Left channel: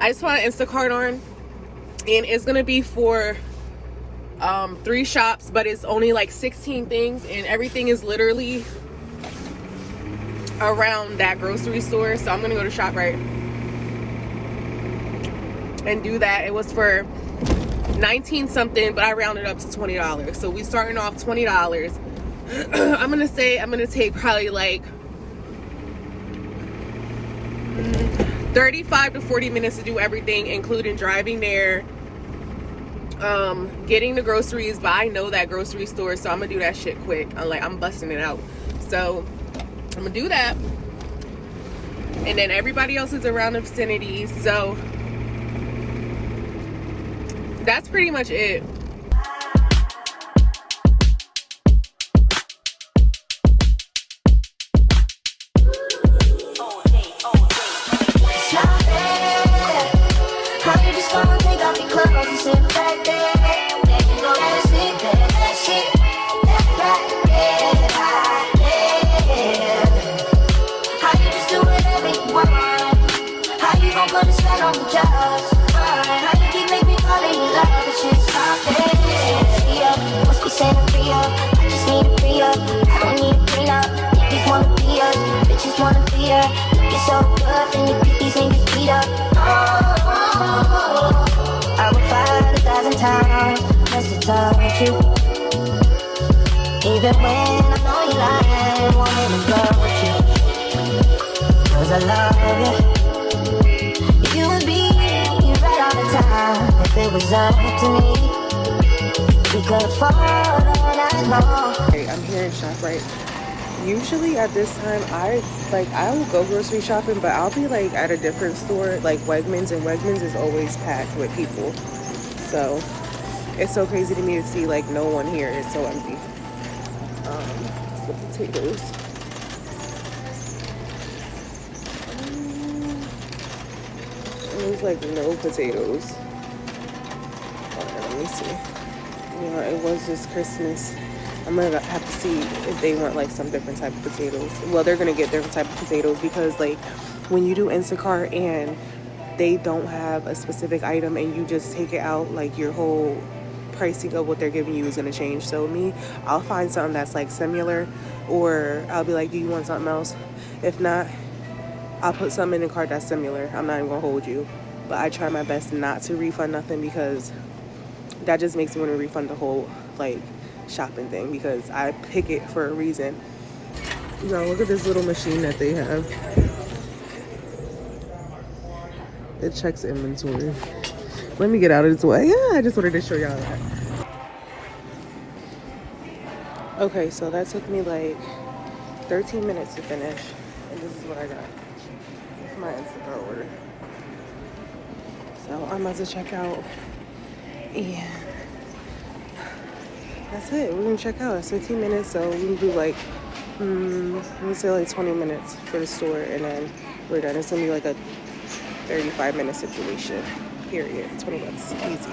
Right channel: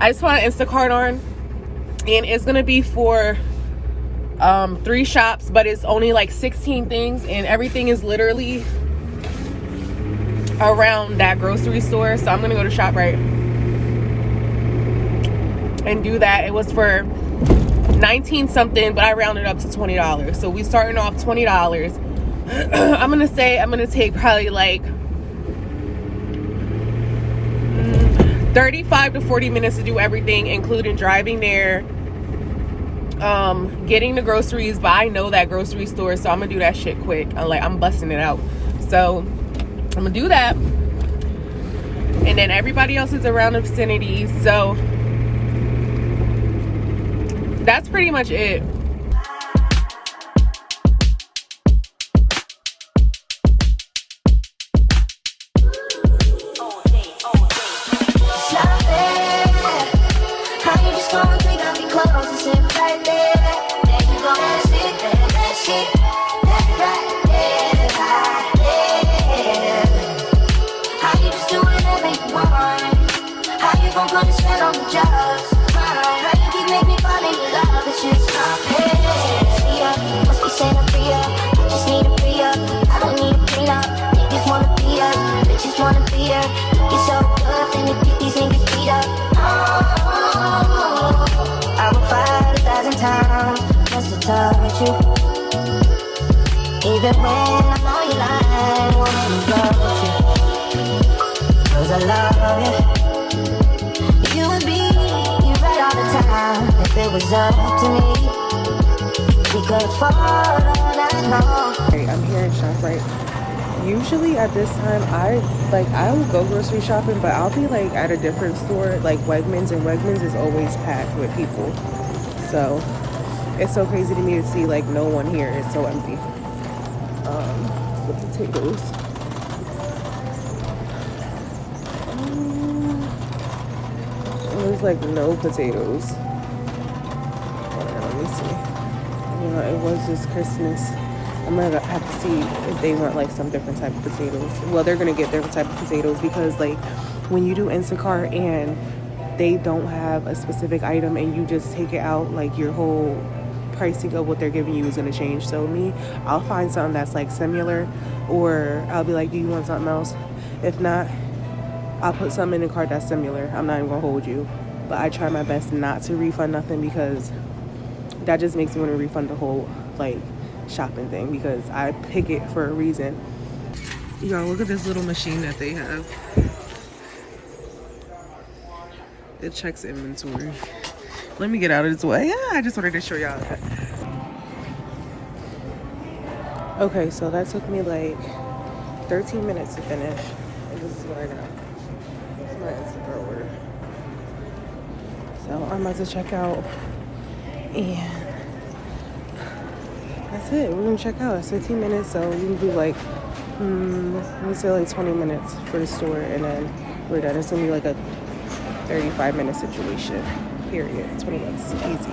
I just want Instacart on, and it's gonna be for 3 shops, but it's only like 16 things, and everything is literally around that grocery store. So I'm gonna go to ShopRite and do that. It was for 19 something, but I rounded up to $20. So we starting off $20. I'm gonna take probably like 35 to 40 minutes to do everything, including driving there, getting the groceries. But I know that grocery store, so I'm gonna do that shit quick. I'm busting it out. So I'm gonna do that, and then everybody else is around the vicinity. So that's pretty much it. Even when I know you lie, wanting to go with you, 'cause I love you. You would be right all the time. If it was up to me, we could afford all night long. Hey, I'm here in ShopRite. Usually at this time, I will go grocery shopping, but I'll be like at a different store, like Wegmans, and Wegmans is always packed with people. So it's so crazy to me to see like no one here. It's so empty. The potatoes. There's like no potatoes. Hold on, let me see. You know, it was just Christmas. I'm gonna have to see if they want like some different type of potatoes. Well, they're gonna get different type of potatoes, because like when you do Instacart and they don't have a specific item and you just take it out, like your whole pricing of what they're giving you is going to change. So I'll find something that's like similar, or I'll be like, do you want something else? If not, I'll put something in the cart that's similar. I'm not even gonna hold you, but I try my best not to refund nothing, because that just makes me want to refund the whole like shopping thing, because I pick it for a reason. Y'all, look at this little machine that they have. It checks inventory. Let me get out of this way. Yeah, I just wanted to show y'all that. Okay, so that took me like 13 minutes to finish. And this is what I got. It's my Instacart order. So I'm about to check out. And that's it. We're gonna check out. It's 15 minutes, so we can do like, let me say like 20 minutes for the store, and then we're done. It's gonna be like a 35-minute situation. Period. 20 bucks. Easy.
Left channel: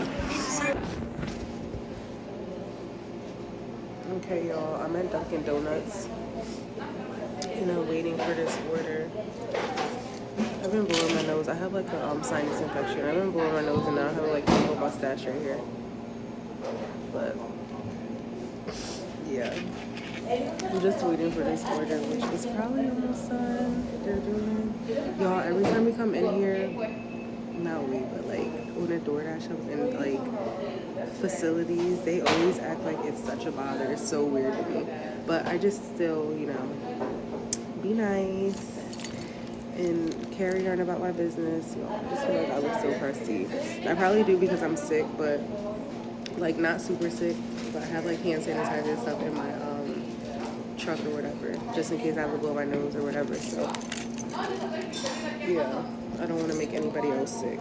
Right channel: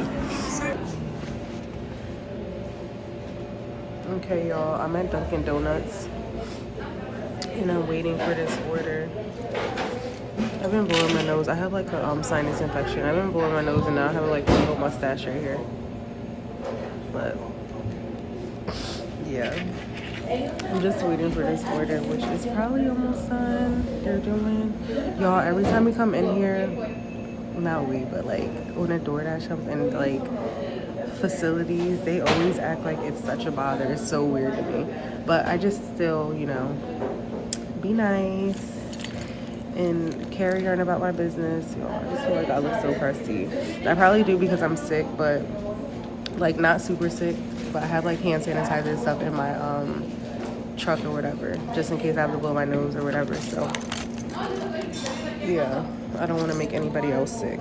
Okay, y'all. I'm at Dunkin' Donuts, and I'm waiting for this order. I've been blowing my nose. I have like a sinus infection. I've been blowing my nose, and now I have like a little mustache right here. But yeah, I'm just waiting for this order, which is probably almost done. They're doing, y'all, every time we come in here, not we, but like when a DoorDash comes in like facilities, they always act like it's such a bother. It's so weird to me, but I just still, you know, be nice and carry on about my business. Y'all, I just feel like I look so crusty. I probably do because I'm sick, but like not super sick, but I have like hand sanitizer and stuff in my truck or whatever, just in case I have to blow my nose or whatever. So yeah, I don't want to make anybody else sick.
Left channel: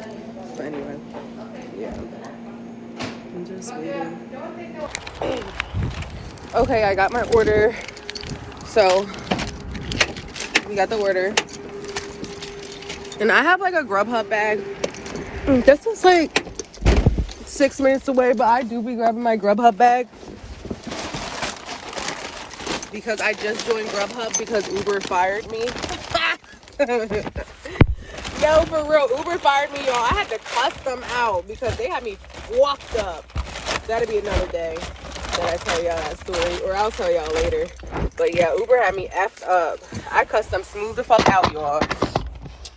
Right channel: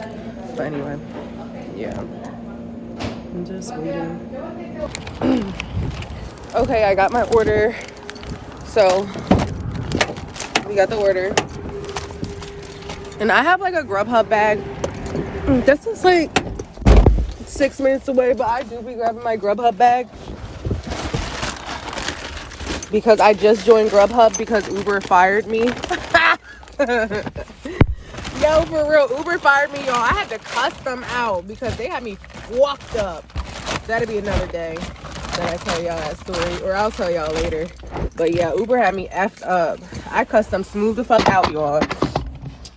But anyway, yeah, I'm just waiting. Okay, I got my order. So we got the order, and I have like a Grubhub bag. This is like 6 minutes away, but I do be grabbing my Grubhub bag because I just joined Grubhub because Uber fired me. No, for real, Uber fired me, y'all. I me fucked up. That'll be another day. And I'll tell y'all that story, or I'll tell y'all later. But yeah, Uber had me effed up. I custom smooth the fuck out, y'all.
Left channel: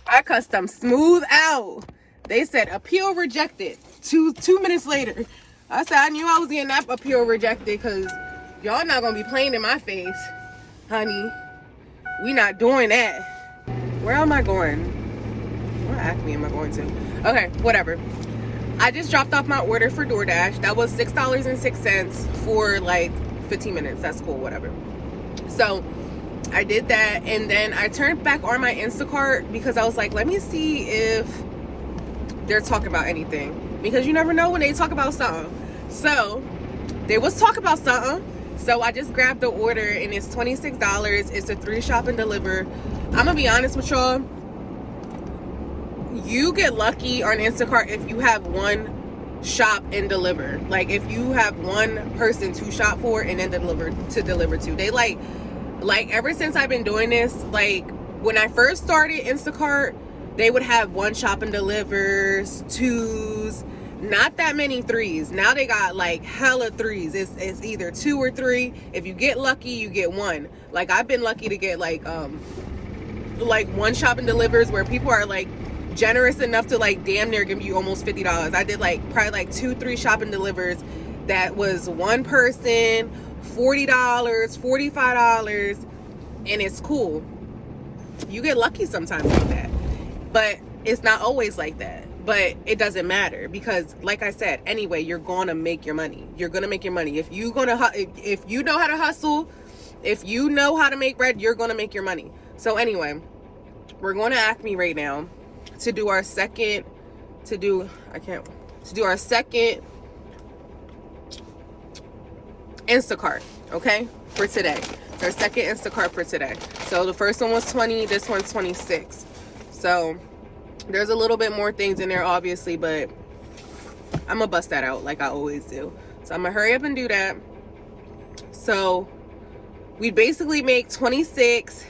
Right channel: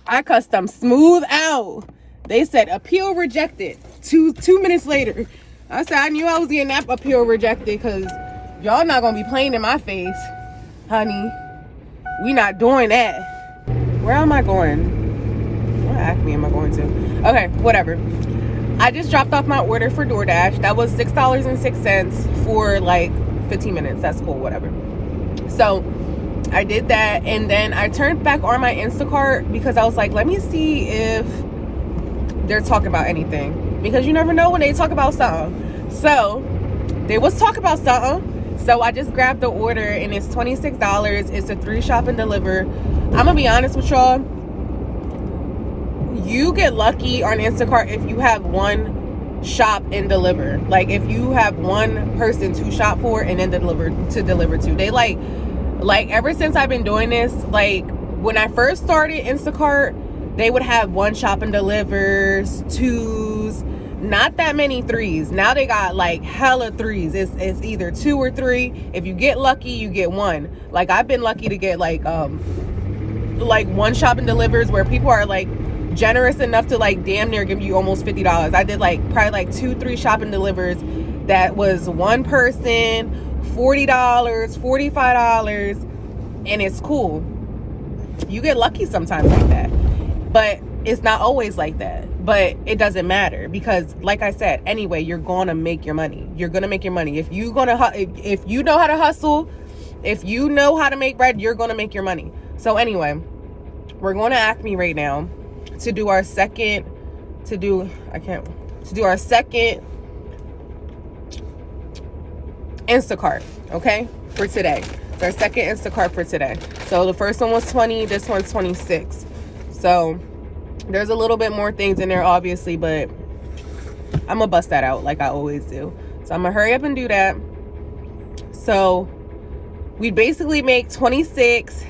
I custom smooth out. They said appeal rejected. Two minutes later, I said I knew I was getting that appeal rejected because y'all not gonna be playing in my face, honey. We not doing that. Where am I going? Where Acme am I going to? Okay, whatever. I just dropped off my order for DoorDash. That was $6.06 for like 15 minutes. That's cool, whatever. So I did that, and then I turned back on my Instacart because I was like, let me see if they're talking about anything, because you never know when they talk about something. So they was talking about something, so I just grabbed the order, and it's $26. It's a 3 shop and deliver. I'm gonna be honest with y'all, you get lucky on Instacart if you have one shop and deliver. Like if you have one person to shop for and then deliver to. They like ever since I've been doing this, like when I first started Instacart, they would have one shop and delivers, 2s, not that many 3s. Now they got like hella 3s. It's either 2 or 3. If you get lucky, you get 1. Like I've been lucky to get like one shop and delivers where people are like generous enough to like damn near give you almost $50. I did like probably like 2-3 shop and delivers that was one person, $40, $45, and it's cool. You get lucky sometimes like that, but it's not always like that. But it doesn't matter because, like I said, anyway, you're gonna make your money. You're gonna make your money if you know how to hustle, if you know how to make bread, you're gonna make your money. So anyway, we're going to Acme right now to do our second Instacart, okay, for today. It's our second Instacart for today. So the first one was 20, this one's 26. So there's a little bit more things in there, obviously, but I'm gonna bust that out like I always do. So I'm gonna hurry up and do that. So we basically make 26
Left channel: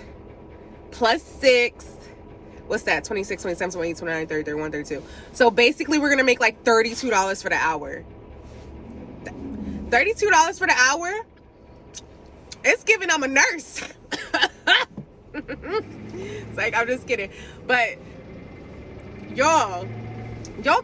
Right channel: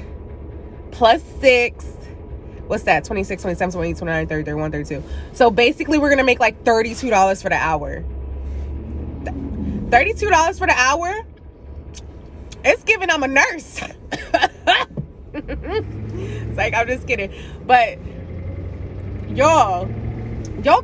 plus 6. What's that? 26, 27, 28, 29, 30, 31, 32. So basically we're gonna make like $32 for the hour. $32 for the hour? It's giving I'm a nurse. It's like, I'm just kidding. But y'all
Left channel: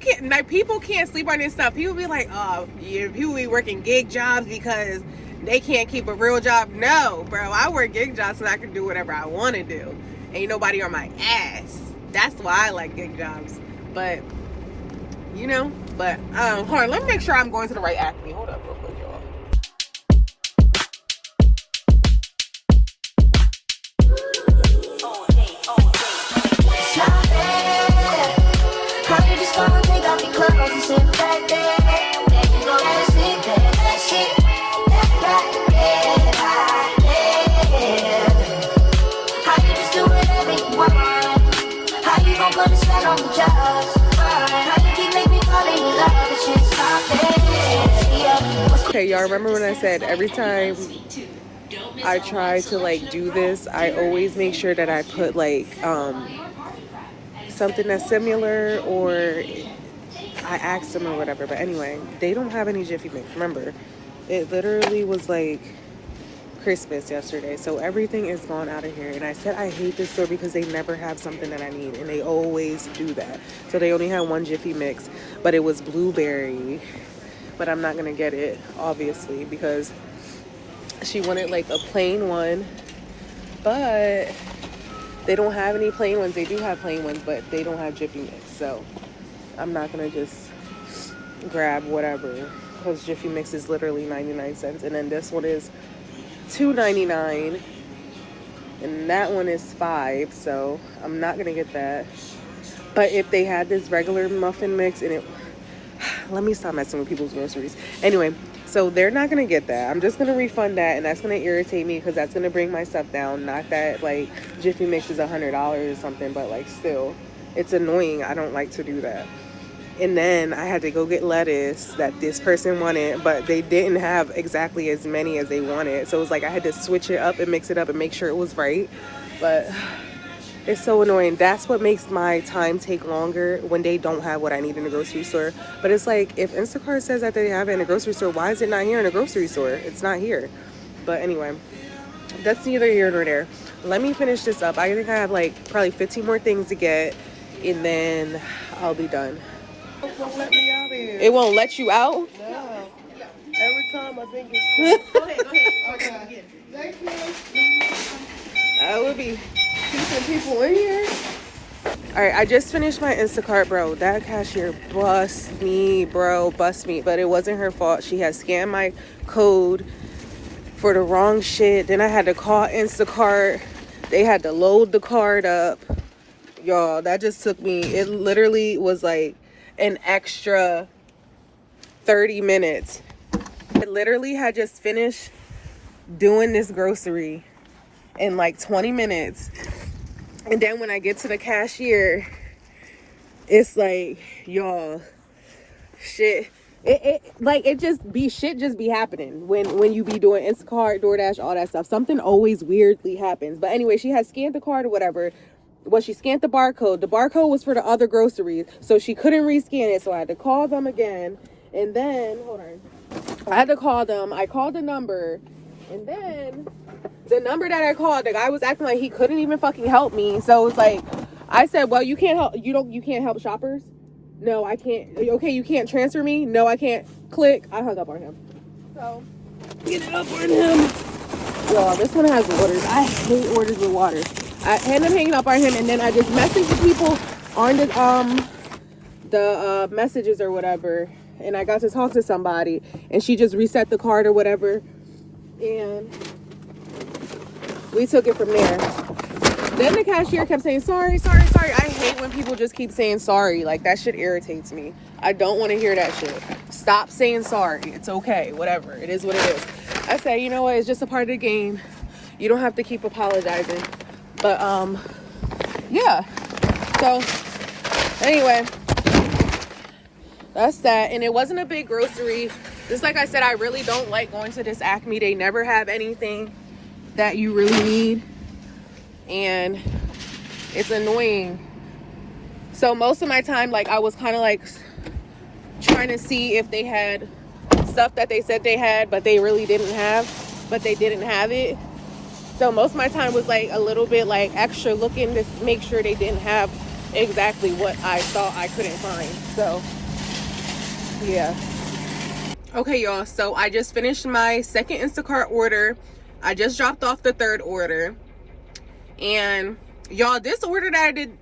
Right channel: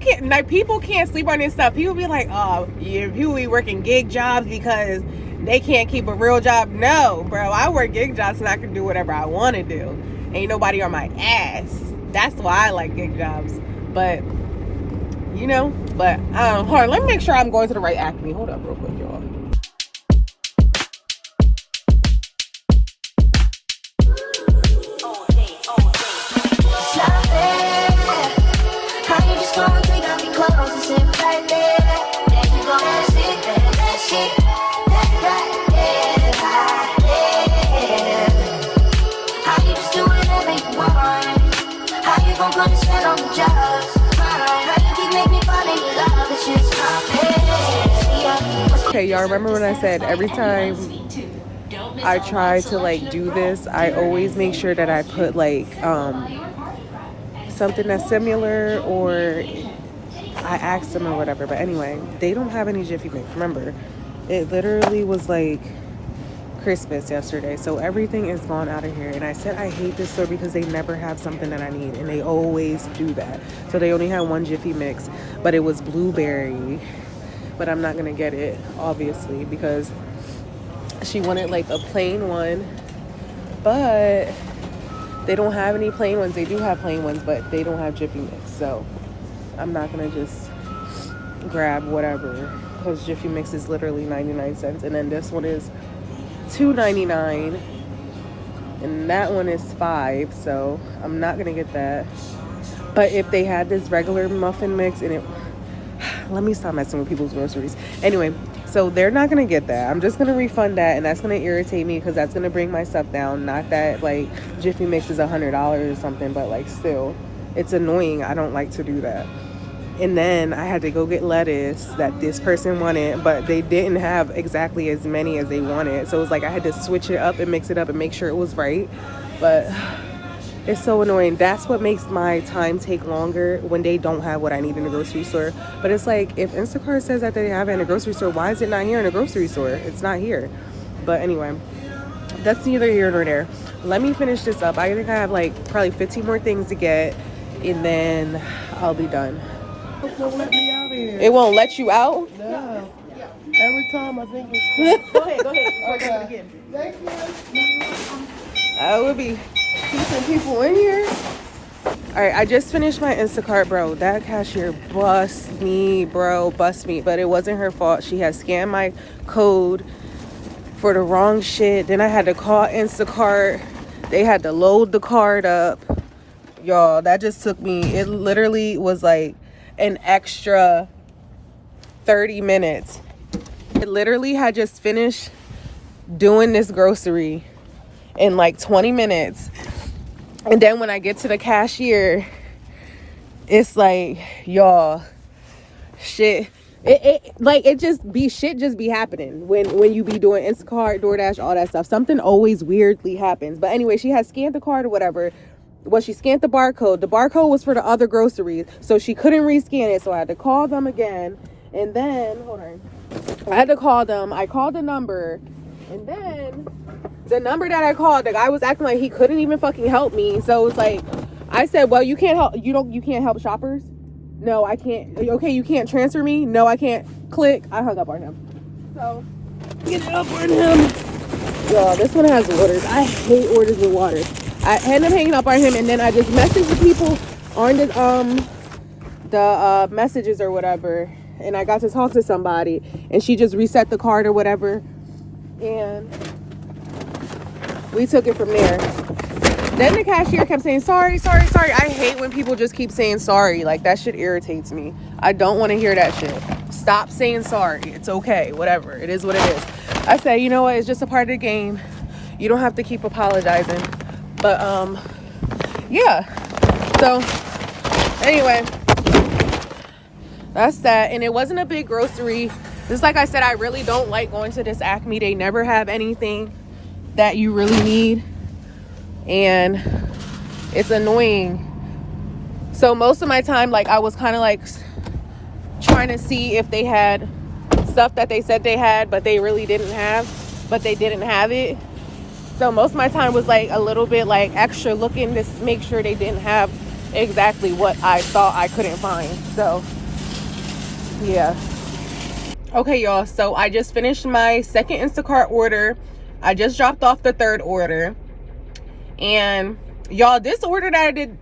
can't, like, people can't sleep on this stuff. People be like, oh, yeah, people be working gig jobs because they can't keep a real job. No, bro, I work gig jobs so I can do whatever I want to do. Ain't nobody on my ass. That's why I like gig jobs. But you know, but hold on, let me make sure I'm going to the right Acme. Hold up real quick, y'all. Okay, y'all remember when I said every time I try to like do this, I always make sure that I put like something that's similar, or I asked them or whatever. But anyway, they don't have any Jiffy Mix. Remember, it literally was like Christmas yesterday, so everything is gone out of here. And I said I hate this store because they never have something that I need, and they always do that. So they only had one Jiffy Mix, but it was blueberry. But I'm not gonna get it, obviously, because she wanted like a plain one, but they don't have any plain ones. They do have plain ones, but they don't have Jiffy Mix. So I'm not gonna just grab whatever, because Jiffy Mix is literally 99 cents, and then this one is $2.99, and that one is $5. So I'm not gonna get that. But if they had this regular muffin mix and it, let me stop messing with people's groceries. Anyway, so they're not gonna get that. I'm just gonna refund that, and that's gonna irritate me because that's gonna bring my stuff down. Not that like Jiffy Mix is $100 or something, but like still, it's annoying. I don't like to do that. And then I had to go get lettuce that this person wanted, but they didn't have exactly as many as they wanted. So it was like I had to switch it up and mix it up and make sure it was right. But It's so annoying. That's what makes my time take longer when they don't have what I need in the grocery store. But it's like, if Instacart says that they have it in the grocery store, why is it not here in the grocery store? It's not here. But anyway, that's neither here nor there. Let me finish this up. I think I have like probably 15 more things to get, and then I'll be done. It won't let me out here. It won't let you out? No. Every time I think it's... Go ahead. Okay. Thank you. I will be keeping people in here. All right, I just finished my Instacart, bro. That cashier bust me. But it wasn't her fault. She had scanned my code for the wrong shit. Then I had to call Instacart. They had to load the card up. Y'all, that just took me, it literally was like an extra 30 minutes. I literally had just finished doing this grocery in like 20 minutes. And then when I get to the cashier, it's like, y'all, shit. Shit just be happening when you be doing Instacart, DoorDash, all that stuff. Something always weirdly happens. But anyway, she had scanned the card or whatever. Well, she scanned the barcode. The barcode was for the other groceries, so she couldn't rescan it. So I had to call them again. And then, hold on. I had to call them. I called the number. And then the number that I called, the guy was acting like he couldn't even fucking help me. So it's like, I said, well, you can't help. You can't help shoppers? No, I can't. Okay, you can't transfer me? No, I can't. Click. I hung up on him. So, get up on him. Y'all, this one has waters. I hate orders with water. I ended up hanging up on him, and then I just messaged the people on the messages or whatever, and I got to talk to somebody, and she just reset the card or whatever, and we took it from there. Then the cashier kept saying, sorry. I hate when people just keep saying sorry. Like, that shit irritates me. I don't want to hear that shit. Stop saying sorry. It's okay. Whatever. It is what it is. I said, you know what? It's just a part of the game. You don't have to keep apologizing. But, yeah. So, anyway. That's that. And it wasn't a big grocery. Just like I said, I really don't like going to this Acme. They never have anything that you really need. And it's annoying. So most of my time, like, I was kind of like trying to see if they had stuff that they said they had, but they really didn't have, but they didn't have it. So most of my time was like a little bit like extra looking to make sure they didn't have exactly what I thought I couldn't find. So yeah. Okay, y'all. So I just finished my second Instacart order. I just dropped off the third order. And y'all, this order that I did,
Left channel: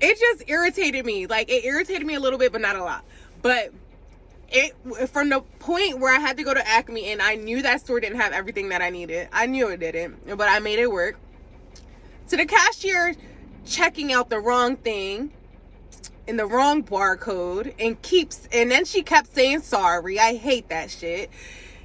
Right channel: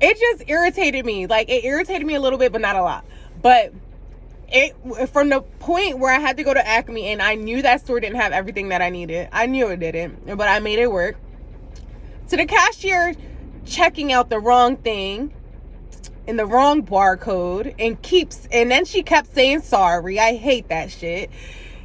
it just irritated me. Like, it irritated me a little bit, but not a lot. But it, from the point where I had to go to Acme and I knew that store didn't have everything that I needed. I knew it didn't, but I made it work. To the cashier checking out the wrong thing and the wrong barcode and then she kept saying sorry. I hate that shit.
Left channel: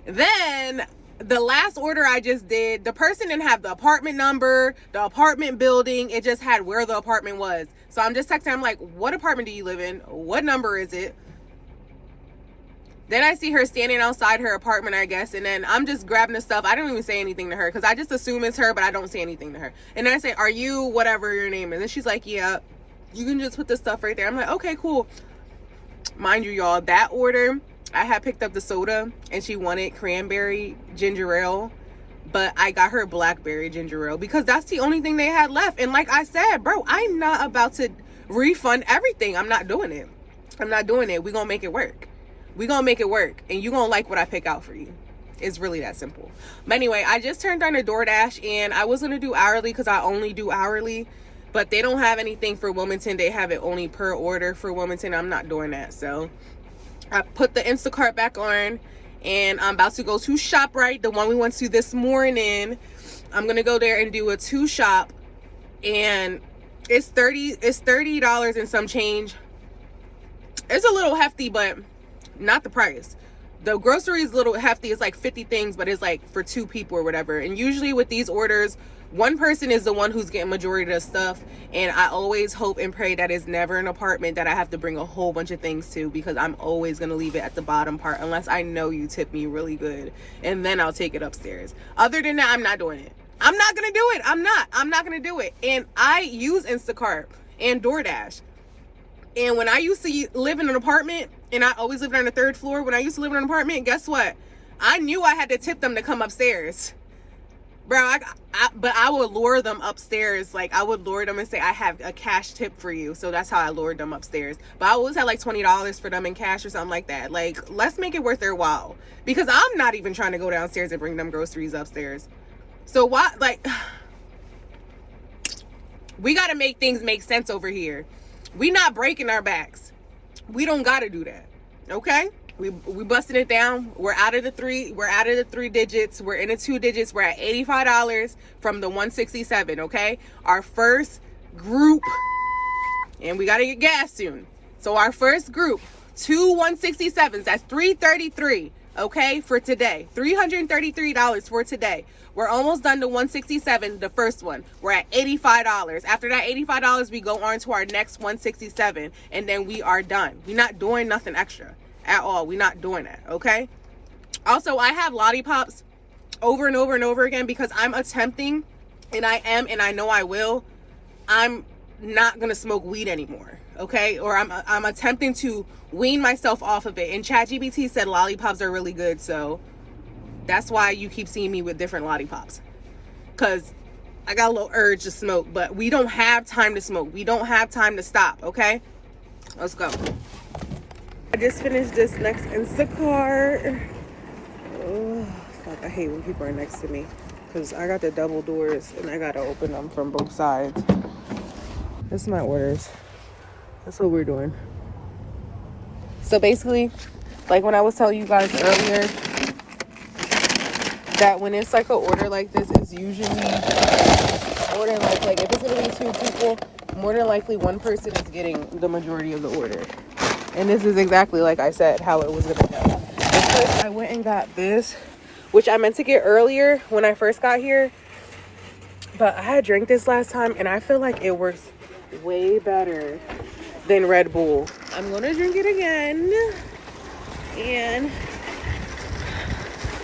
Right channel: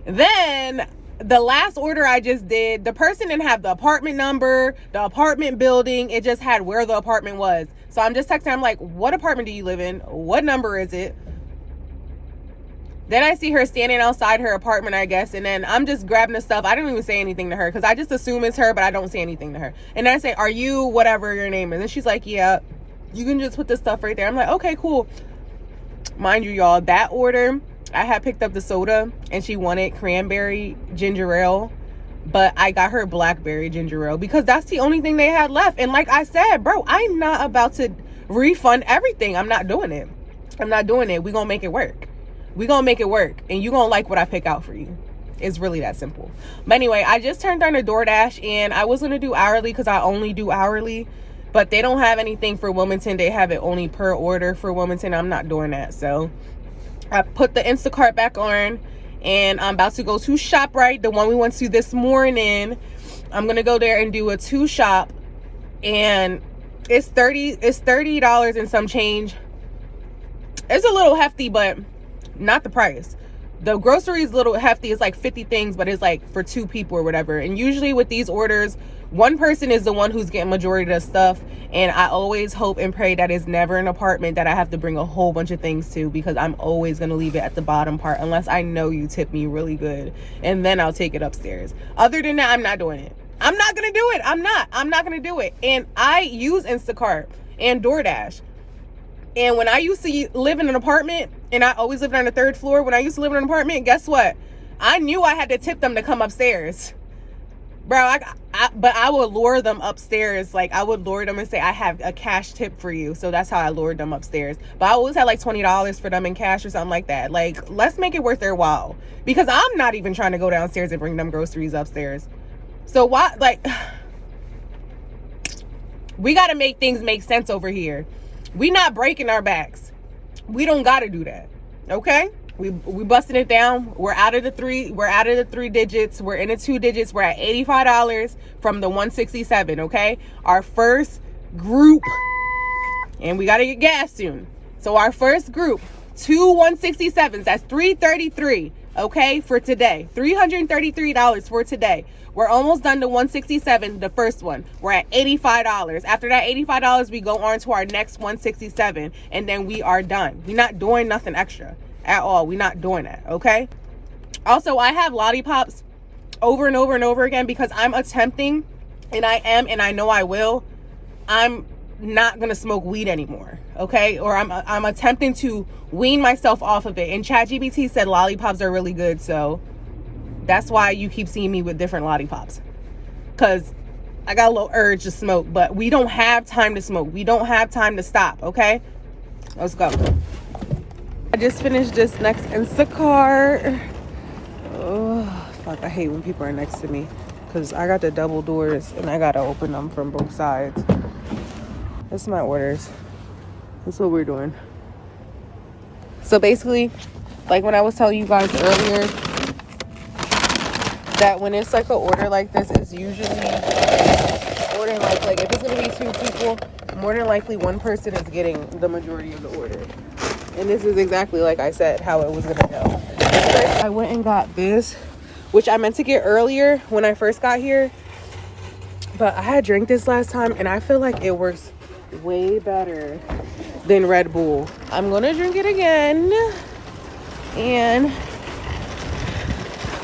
Then the last order I just did, the person didn't have the apartment number, the apartment building. It just had where the apartment was. So I'm just texting. I'm like, what apartment do you live in? What number is it? Then I see her standing outside her apartment, I guess. And then I'm just grabbing the stuff. I don't even say anything to her because I just assume it's her, but I don't say anything to her. And then I say, are you whatever your name is? And she's like, yeah, you can just put the stuff right there. I'm like, okay, cool. Mind you, y'all, that order, I had picked up the soda and she wanted cranberry ginger ale, but I got her blackberry ginger ale because that's the only thing they had left. And like I said, bro, I'm not about to refund everything. I'm not doing it. We're going to make it work. And you're going to like what I pick out for you. It's really that simple. But anyway, I just turned on a DoorDash and I was going to do hourly because I only do hourly. But they don't have anything for Wilmington. They have it only per order for Wilmington. I'm not doing that. So I put the Instacart back on and I'm about to go to ShopRite, the one we went to this morning. I'm going to go there and do a 2-shop, and it's $30 and some change. It's a little hefty, but not the price. The grocery is a little hefty. It's like 50 things, but it's like for 2 people or whatever. And usually with these orders, one person is the one who's getting majority of the stuff. And I always hope and pray that it's never an apartment that I have to bring a whole bunch of things to, because I'm always going to leave it at the bottom part unless I know you tip me really good. And then I'll take it upstairs. Other than that, I'm not doing it. I'm not going to do it. I'm not going to do it. And I use Instacart and DoorDash. And when I used to live in an apartment, and I always lived on the 3rd floor, when I used to live in an apartment, guess what? I knew I had to tip them to come upstairs. Bro, but I would lure them upstairs. Like, I would lure them and say, I have a cash tip for you. So that's how I lured them upstairs. But I always had like $20 for them in cash or something like that. Like, let's make it worth their while. Because I'm not even trying to go downstairs and bring them groceries upstairs. So why, like, we got to make things make sense over here. We not breaking our backs. We don't got to do that. Okay? We busting it down. We're out of the 3 digits. We're in the 2 digits. We're at $85 from the 167. Okay, our first group, and we gotta get gas soon. So our first group, 2 167s. That's $333. Okay, for today, $333 for today. We're almost done to 167, the first one. We're at $85. After that $85, we go on to our next 167, and then we are done. We're not doing nothing extra at all. We're not doing that, okay? Also, I have lollipops over and over and over again because I'm attempting, and I know I will, I'm not gonna smoke weed anymore, okay? Or I'm attempting to wean myself off of it. And ChatGPT said lollipops are really good, so that's why you keep seeing me with different lollipops, because I got a little urge to smoke, but we don't have time to smoke. We don't have time to stop, okay? Let's go. I just finished this next Instacart. Oh, fuck, I hate when people are next to me because I got the double doors and I gotta open them from both sides. This is my orders. That's what we're doing. So basically, like when I was telling you guys earlier, that when it's like an order like this, it's usually more than like if it's gonna be 2 people, more than likely one person is getting the majority of the order. And this is exactly like I said how it was gonna go. At first I went and got this, which I meant to get earlier when I first got here, but I had drank this last time and I feel like it works way better than Red Bull. I'm gonna drink it again and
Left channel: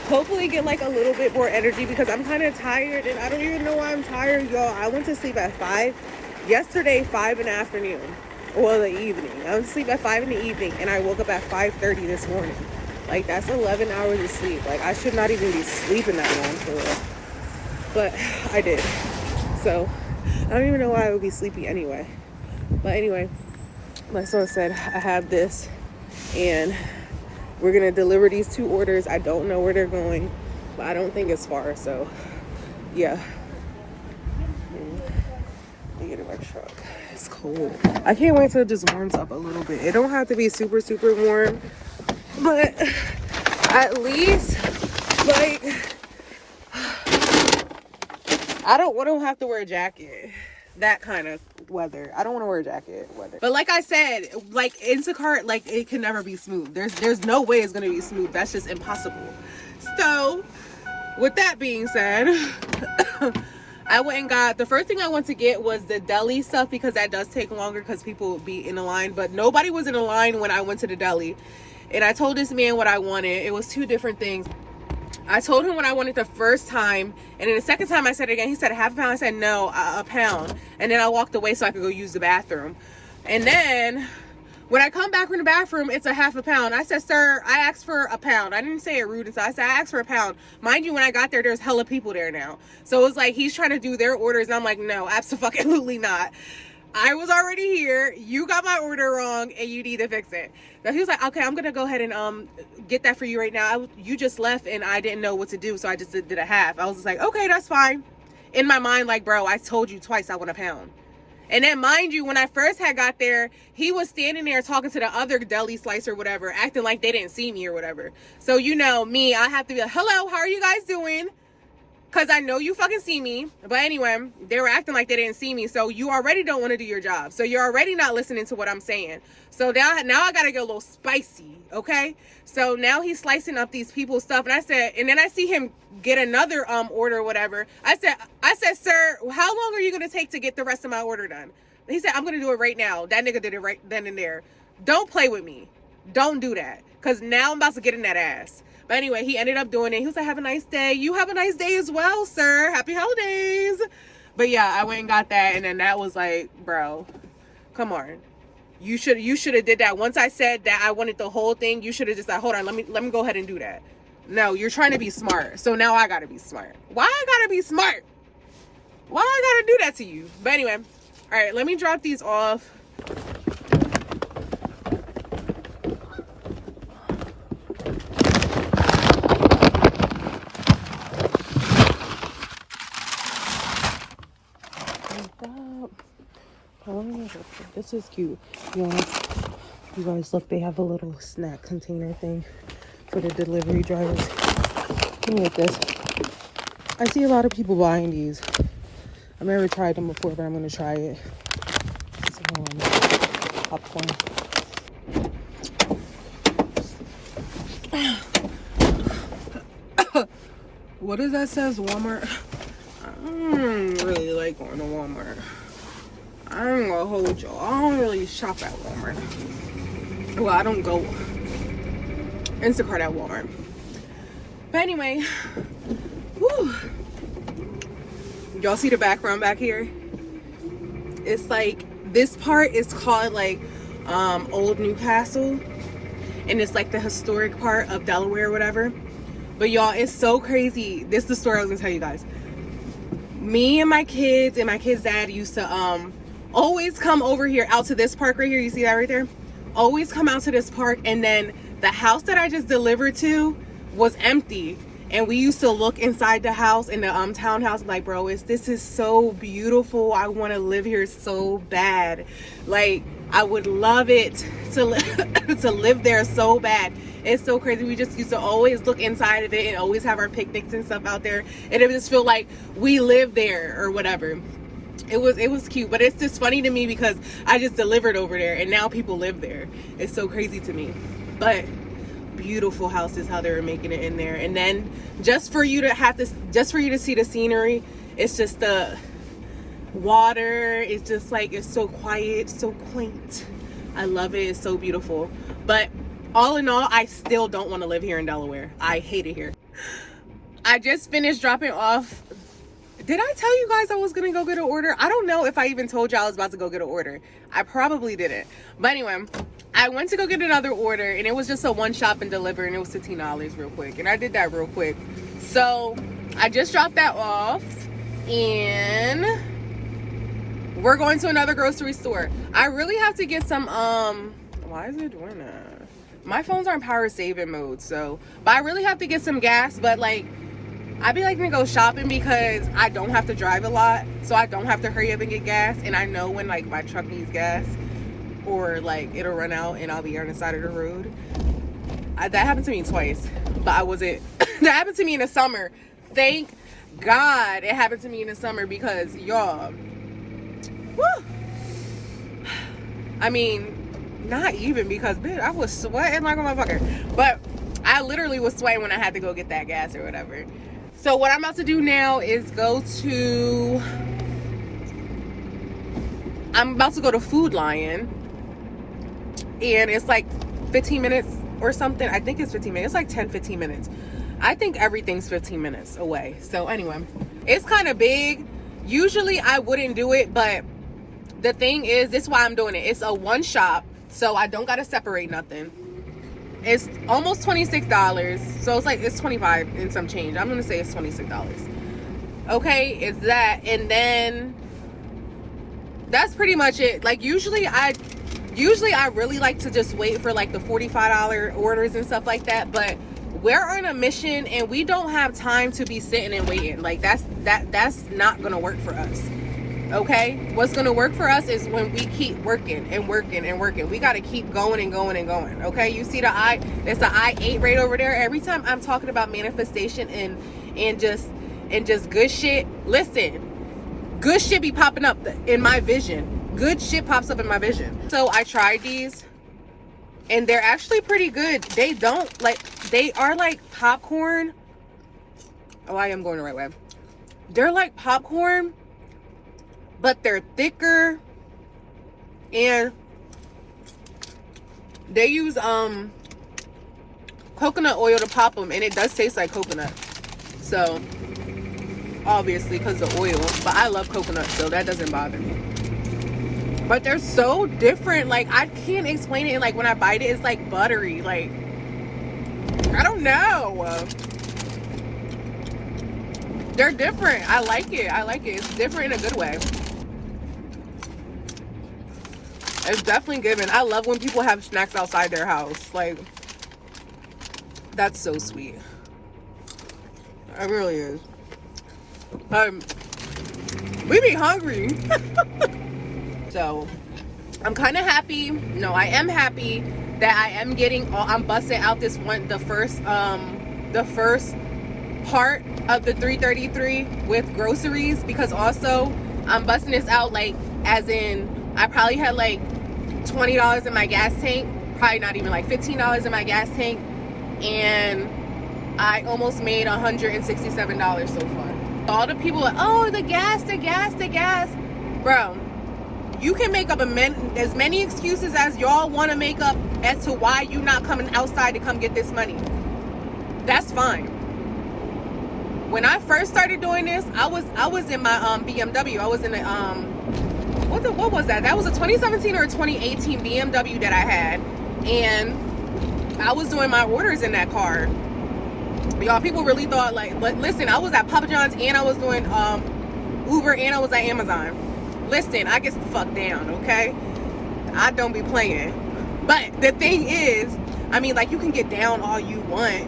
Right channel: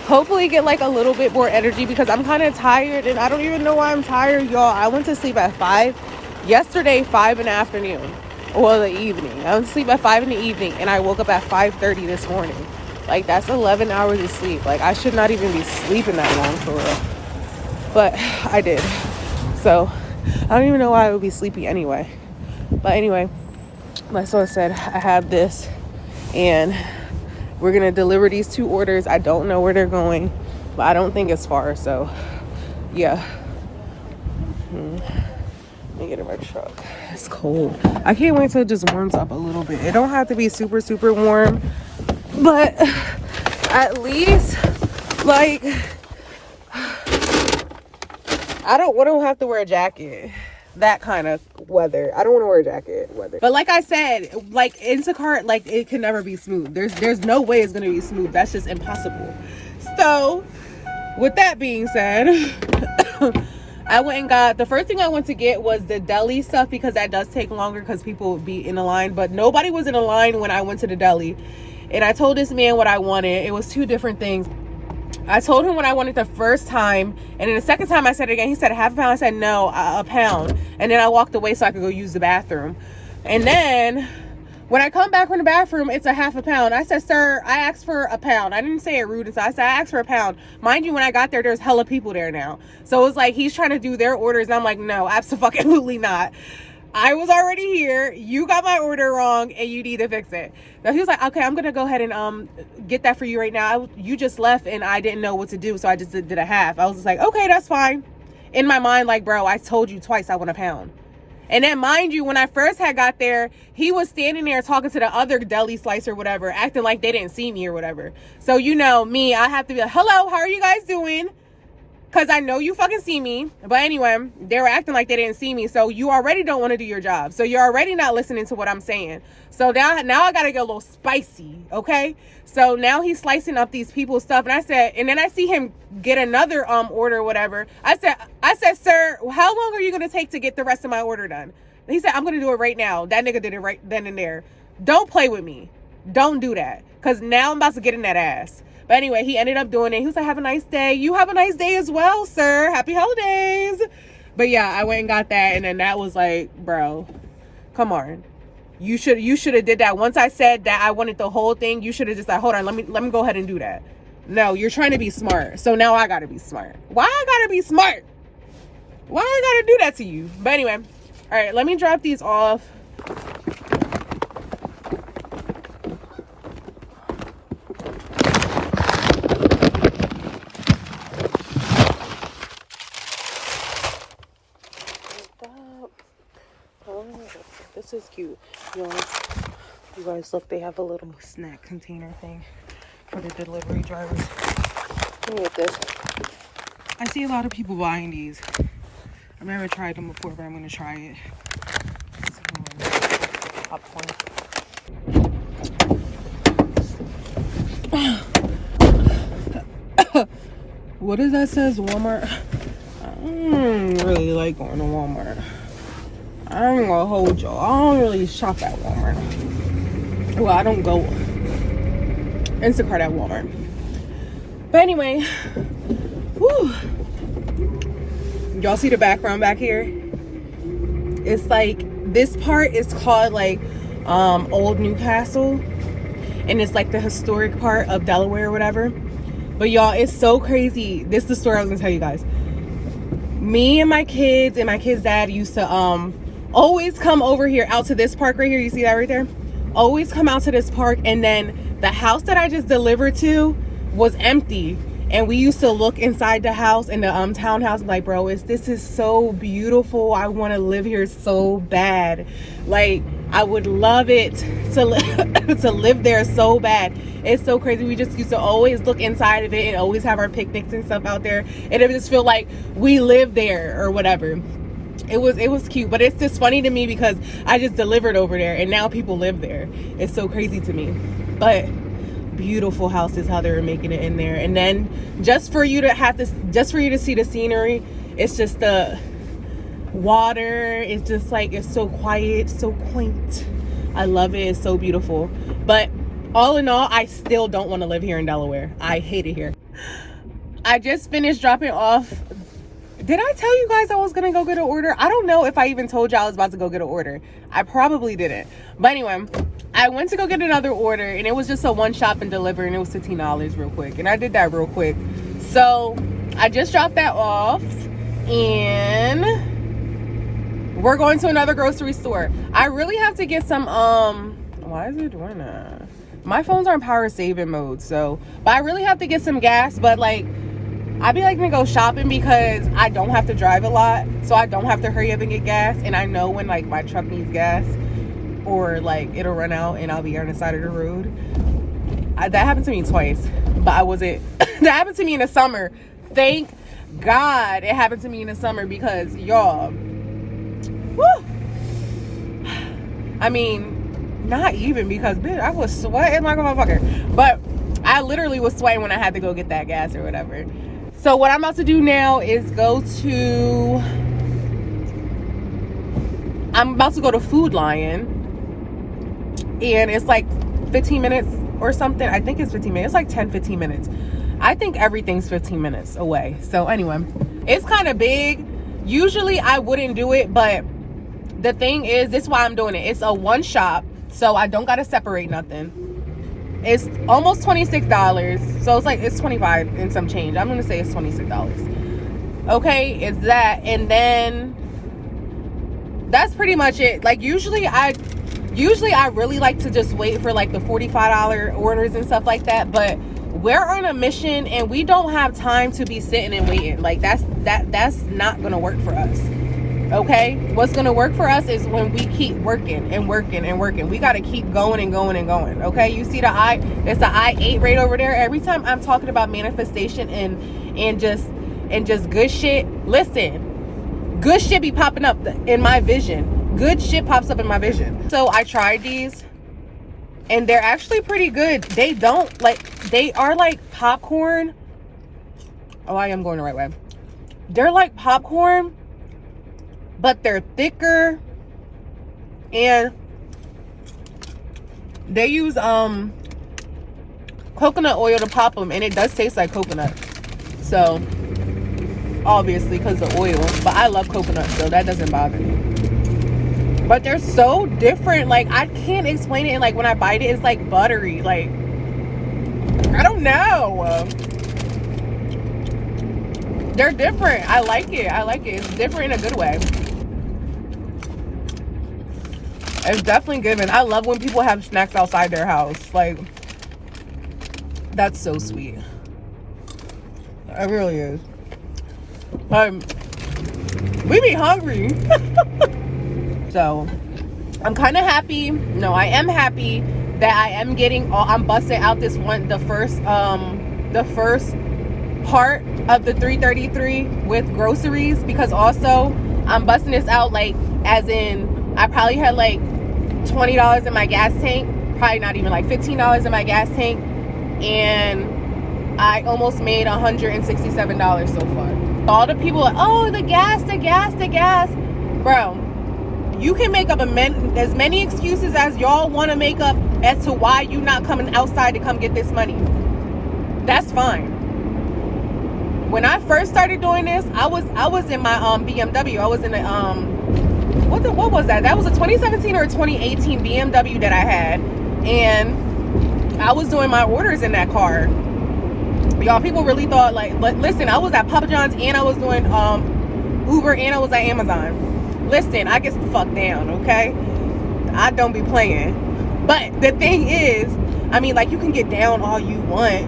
hopefully get like a little bit more energy because I'm kind of tired and I don't even know why I'm tired, y'all. I went to sleep at 5 yesterday, 5 in the afternoon. Well, the evening. I went to sleep at 5 in the evening and I woke up at 5:30 this morning. Like, that's 11 hours of sleep. Like, I should not even be sleeping that long for real. But I did. So I don't even know why I would be sleepy anyway. But anyway, like so I said, I have this and we're gonna deliver these 2 orders. I don't know where they're going, but I don't think it's far, so yeah. Let me get in my truck. It's cold. I can't wait till it just warms up a little bit. It don't have to be super, super warm, but at least, like, I don't have to wear a jacket. That kind of weather. I don't want to wear a jacket weather. But like I said, like Instacart, like it can never be smooth. There's no way it's gonna be smooth. That's just impossible. So with that being said, I went and got, the first thing I went to get was the deli stuff because that does take longer because people would be in a line, but nobody was in a line when I went to the deli. And I told this man what I wanted. It was 2 different things. I told him what I wanted the first time, and then the second time I said it again. He said a half a pound. I said no, a pound. And then I walked away so I could go use the bathroom. And then when I come back from the bathroom, it's a half a pound. I said, sir, I asked for a pound. I didn't say it rude. I said, I asked for a pound. Mind you, when I got there, there's hella people there now. So it's like he's trying to do their orders. And I'm like, no, absolutely not. I was already here. You got my order wrong and you need to fix it. So he was like, okay, I'm going to go ahead and get that for you right now. You just left and I didn't know what to do. So I just did a half. I was just like, okay, that's fine. In my mind, like, bro, I told you twice I want a pound. And then mind you, when I first had got there, he was standing there talking to the other deli slice or whatever, acting like they didn't see me or whatever. So, you know, me, I have to be like, hello, how are you guys doing? Because I know you fucking see me. But anyway, they were acting like they didn't see me. So you already don't want to do your job. So you're already not listening to what I'm saying. So now I got to get a little spicy, okay? So now he's slicing up these people's stuff. And I said, and then I see him get another order or whatever. I said, sir, how long are you going to take to get the rest of my order done? And he said, I'm going to do it right now. That nigga did it right then and there. Don't play with me. Don't do that. Because now I'm about to get in that ass. But anyway, he ended up doing it. He was like, have a nice day. You have a nice day as well, sir. Happy holidays. But yeah, I went and got that. And then that was like, bro, come on. You should have did that. Once I said that I wanted the whole thing, you should have just like, hold on, let me go ahead and do that. No, you're trying to be smart. So now I gotta be smart. Why I gotta be smart? Why I gotta do that to you? But anyway, all right, let me drop these off. This is cute. You guys look, they have a little snack container thing for the delivery drivers. Look at this. I see a lot of people buying these. I've never tried them before, but I'm gonna try it. What does that says? Walmart? I don't really like going to Walmart. I'm gonna hold y'all. I don't really shop at Walmart. Well, I don't go Instacart at Walmart. But anyway, whew. Y'all see the background back here? It's like, this part is called like Old Newcastle. And it's like the historic part of Delaware or whatever. But y'all, it's so crazy. This is the story I was gonna tell you guys. Me and my kids dad used to always come over here out to this park right here. You see that right there? Always come out to this park, and then the house that I just delivered to was empty, and we used to look inside the house, in the townhouse, like, bro, this is so beautiful. I want to live here so bad. Like, I would love it to to live there so bad. It's so crazy. We just used to always look inside of it and always have our picnics and stuff out there, and it just feel like we live there or whatever. It was cute, but it's just funny to me because I just delivered over there and now people live there. It's so crazy to me. But beautiful houses, how they were making it in there. And then just for you to see the scenery, it's just the water. It's just like, it's so quiet, so quaint. I love it. It's so beautiful. But all in all, I still don't want to live here in Delaware. I hate it here. I just finished dropping off. Did I tell you guys I was gonna go get an order? I don't know if I even told y'all I was about to go get an order. I probably didn't. But anyway, I went to go get another order, and it was just a one shop and deliver, and it was $15 real quick. And I did that real quick. So I just dropped that off, and we're going to another grocery store. I really have to get some, why is it doing that? My phone's on power saving mode, so, but I really have to get some gas, but like, I be liking to go shopping because I don't have to drive a lot, so I don't have to hurry up and get gas, and I know when like my truck needs gas or like it'll run out and I'll be on the side of the road. That happened to me twice, but I wasn't that happened to me in the summer. Thank God it happened to me in the summer, because y'all, woo, I mean, not even, because bitch, I was sweating like a motherfucker, but I literally was sweating when I had to go get that gas or whatever. So what I'm about to do now is I'm about to go to Food Lion, and it's like 15 minutes or something. I think it's 15 minutes. It's like 10-15 minutes. I think everything's 15 minutes away. So anyway, it's kind of big. Usually I wouldn't do it, but the thing is, this is why I'm doing it. It's a one shop, so I don't gotta separate nothing. It's almost $26, so it's 25 and some change. I'm gonna say it's $26. Okay, it's that, and then that's pretty much it. Like, usually I really like to just wait for like the $45 orders and stuff like that, but we're on a mission and we don't have time to be sitting and waiting. Like, that's not gonna work for us. Okay, what's gonna work for us is when we keep working and working and working. We gotta keep going and going and going. Okay, you see there's the I-8 right over there. Every time I'm talking about manifestation and just good shit, listen, good shit be popping up in my vision. Good shit pops up in my vision. So I tried these, and they're actually pretty good. They are like popcorn. Oh, I am going the right way. They're like popcorn, but they're thicker, and they use coconut oil to pop them, and it does taste like coconut. So obviously because the oil, but I love coconut, so that doesn't bother me. But they're so different. Like, I can't explain it. And like when I bite it, it's like buttery. Like, I don't know. They're different. I like it. It's different in a good way. It's definitely given. I love when people have snacks outside their house. Like, that's so sweet. It really is. We be hungry. So, I'm kind of happy. No, I am happy that I am getting. I'm busting out this one, the first part of the 333 with groceries, because also I'm busting this out like as in I probably had like $20 in my gas tank, probably not even like $15 in my gas tank, and I almost made $167 so far. All the people are, oh, the gas, bro. You can make up as many excuses as y'all want to make up as to why you not coming outside to come get this money. That's fine. When I first started doing this, I was in my BMW. I was in the what was that? That was a 2017 or a 2018 BMW that I had, and I was doing my orders in that car. Y'all, people really thought like, but listen, I was at Papa John's and I was doing Uber and I was at Amazon. Listen, I get the fuck down, okay? I don't be playing. But the thing is, I mean, like, you can get down all you want,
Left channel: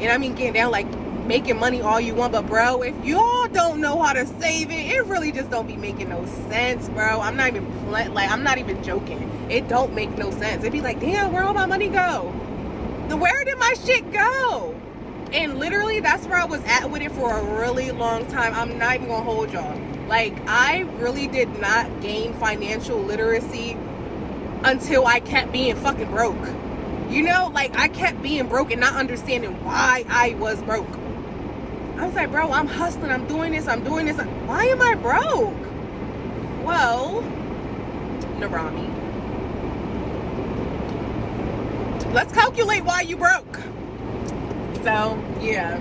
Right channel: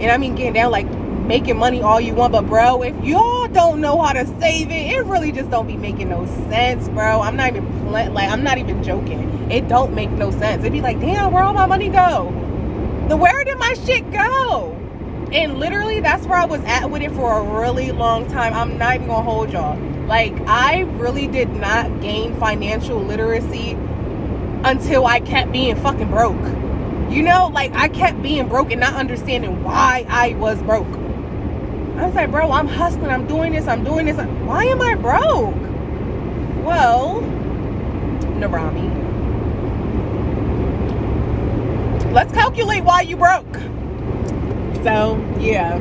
and I mean getting down like making money all you want, but bro, if y'all don't know how to save it really just don't be making no sense, bro. I'm not even joking. It don't make no sense. It'd be like, damn, where all my money go? Where did my shit go? And literally that's where I was at with it for a really long time. I'm not even gonna hold y'all. Like, I really did not gain financial literacy until I kept being fucking broke. You know, like, I kept being broke and not understanding why I was broke. I was like, bro, I'm hustling, I'm doing this. Why am I broke? Well, Narami, let's calculate why you broke. So, yeah,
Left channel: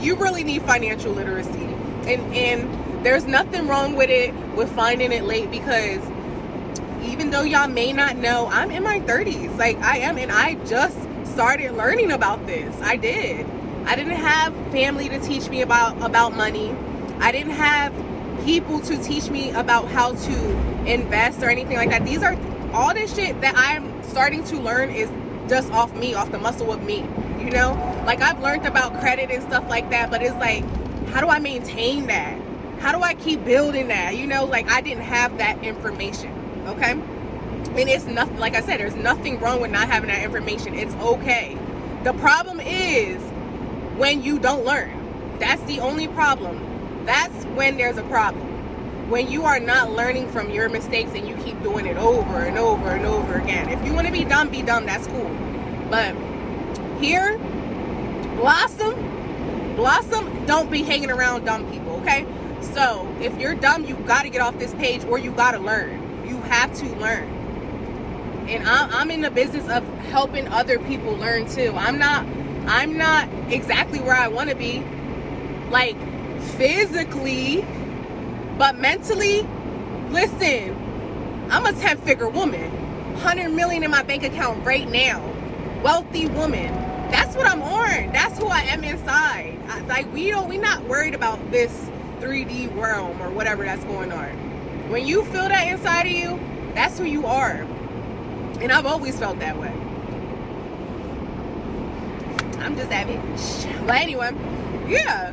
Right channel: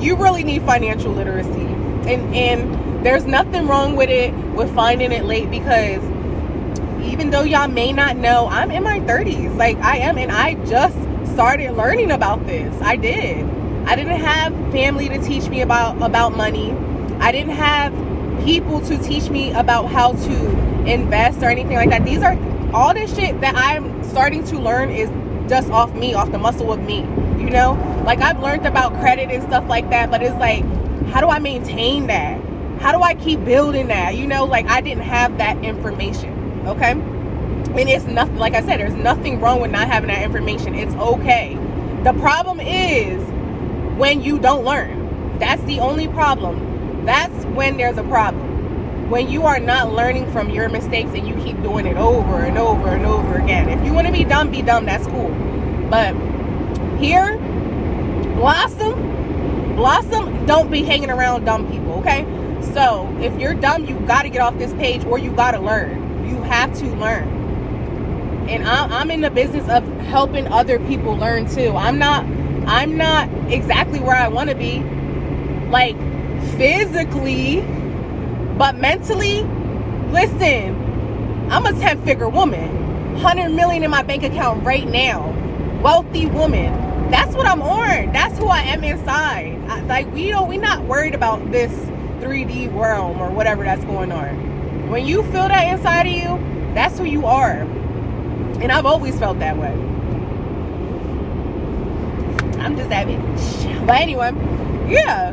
you really need financial literacy. And there's nothing wrong with it, with finding it late, because even though y'all may not know, I'm in my 30s. Like, I am, and I just started learning about this. I didn't have family to teach me about money. I didn't have people to teach me about how to invest or anything like that. These are all this shit that I'm starting to learn is just off me, off the muscle of me, you know? Like, I've learned about credit and stuff like that, but it's like, how do I maintain that? How do I keep building that? You know, like, I didn't have that information, okay? And it's nothing, like I said, there's nothing wrong with not having that information. It's okay. The problem is when you don't learn. That's the only problem. That's when there's a problem. When you are not learning from your mistakes and you keep doing it over and over and over again. If you want to be dumb, that's cool. But here, Blossom, don't be hanging around dumb people, okay? So if you're dumb, you got to get off this page, or you got to learn. You have to learn. And I'm in the business of helping other people learn too. I'm not exactly where I want to be, like, physically, but mentally. Listen, I'm a 10-figure woman, 100 million in my bank account right now, wealthy woman. That's what I'm on. That's who I am inside. We're not worried about this 3D realm or whatever that's going on. When you feel that inside of you, that's who you are. And I've always felt that way. I'm just that bitch. But anyway, yeah,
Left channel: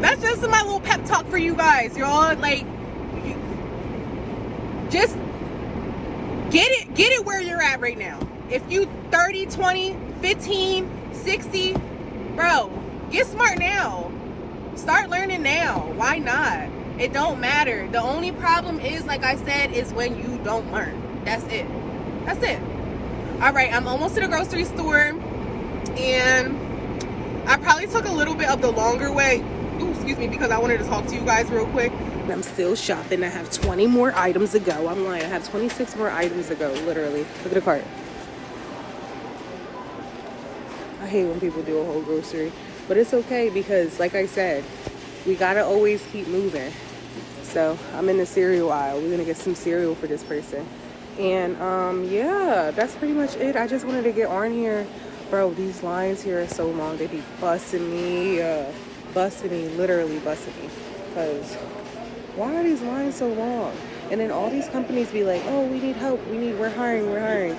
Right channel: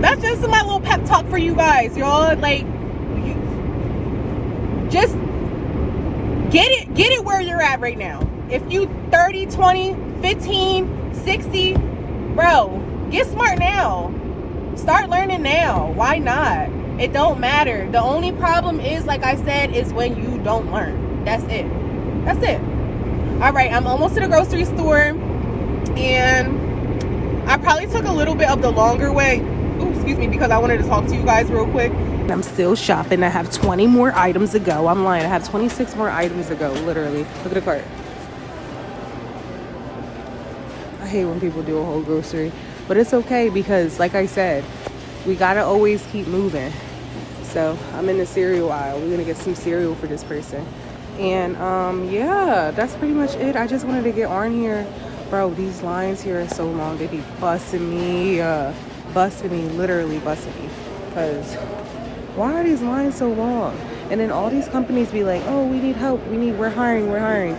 that's just my little pep talk for you guys, y'all. Like, just get it where you're at right now. If you 30, 20, 15, 60, bro, get smart now. Start learning now. Why not? It don't matter. The only problem is, like I said, is when you don't learn. That's it. All right, I'm almost to the grocery store, and I probably took a little bit of the longer way. Ooh, excuse me, because I wanted to talk to you guys real quick. I'm still shopping. I have 20 more items to go. I'm lying. I have 26 more items to go, literally. Look at the cart. I hate when people do a whole grocery, but it's okay because, like I said, we gotta always keep moving. So I'm in the cereal aisle. We're gonna get some cereal for this person. And yeah, that's pretty much it. I just wanted to get on here. Bro, these lines here are so long. They be busting me, literally busting me. Because why are these lines so long? And then all these companies be like, oh, we need help. We're hiring.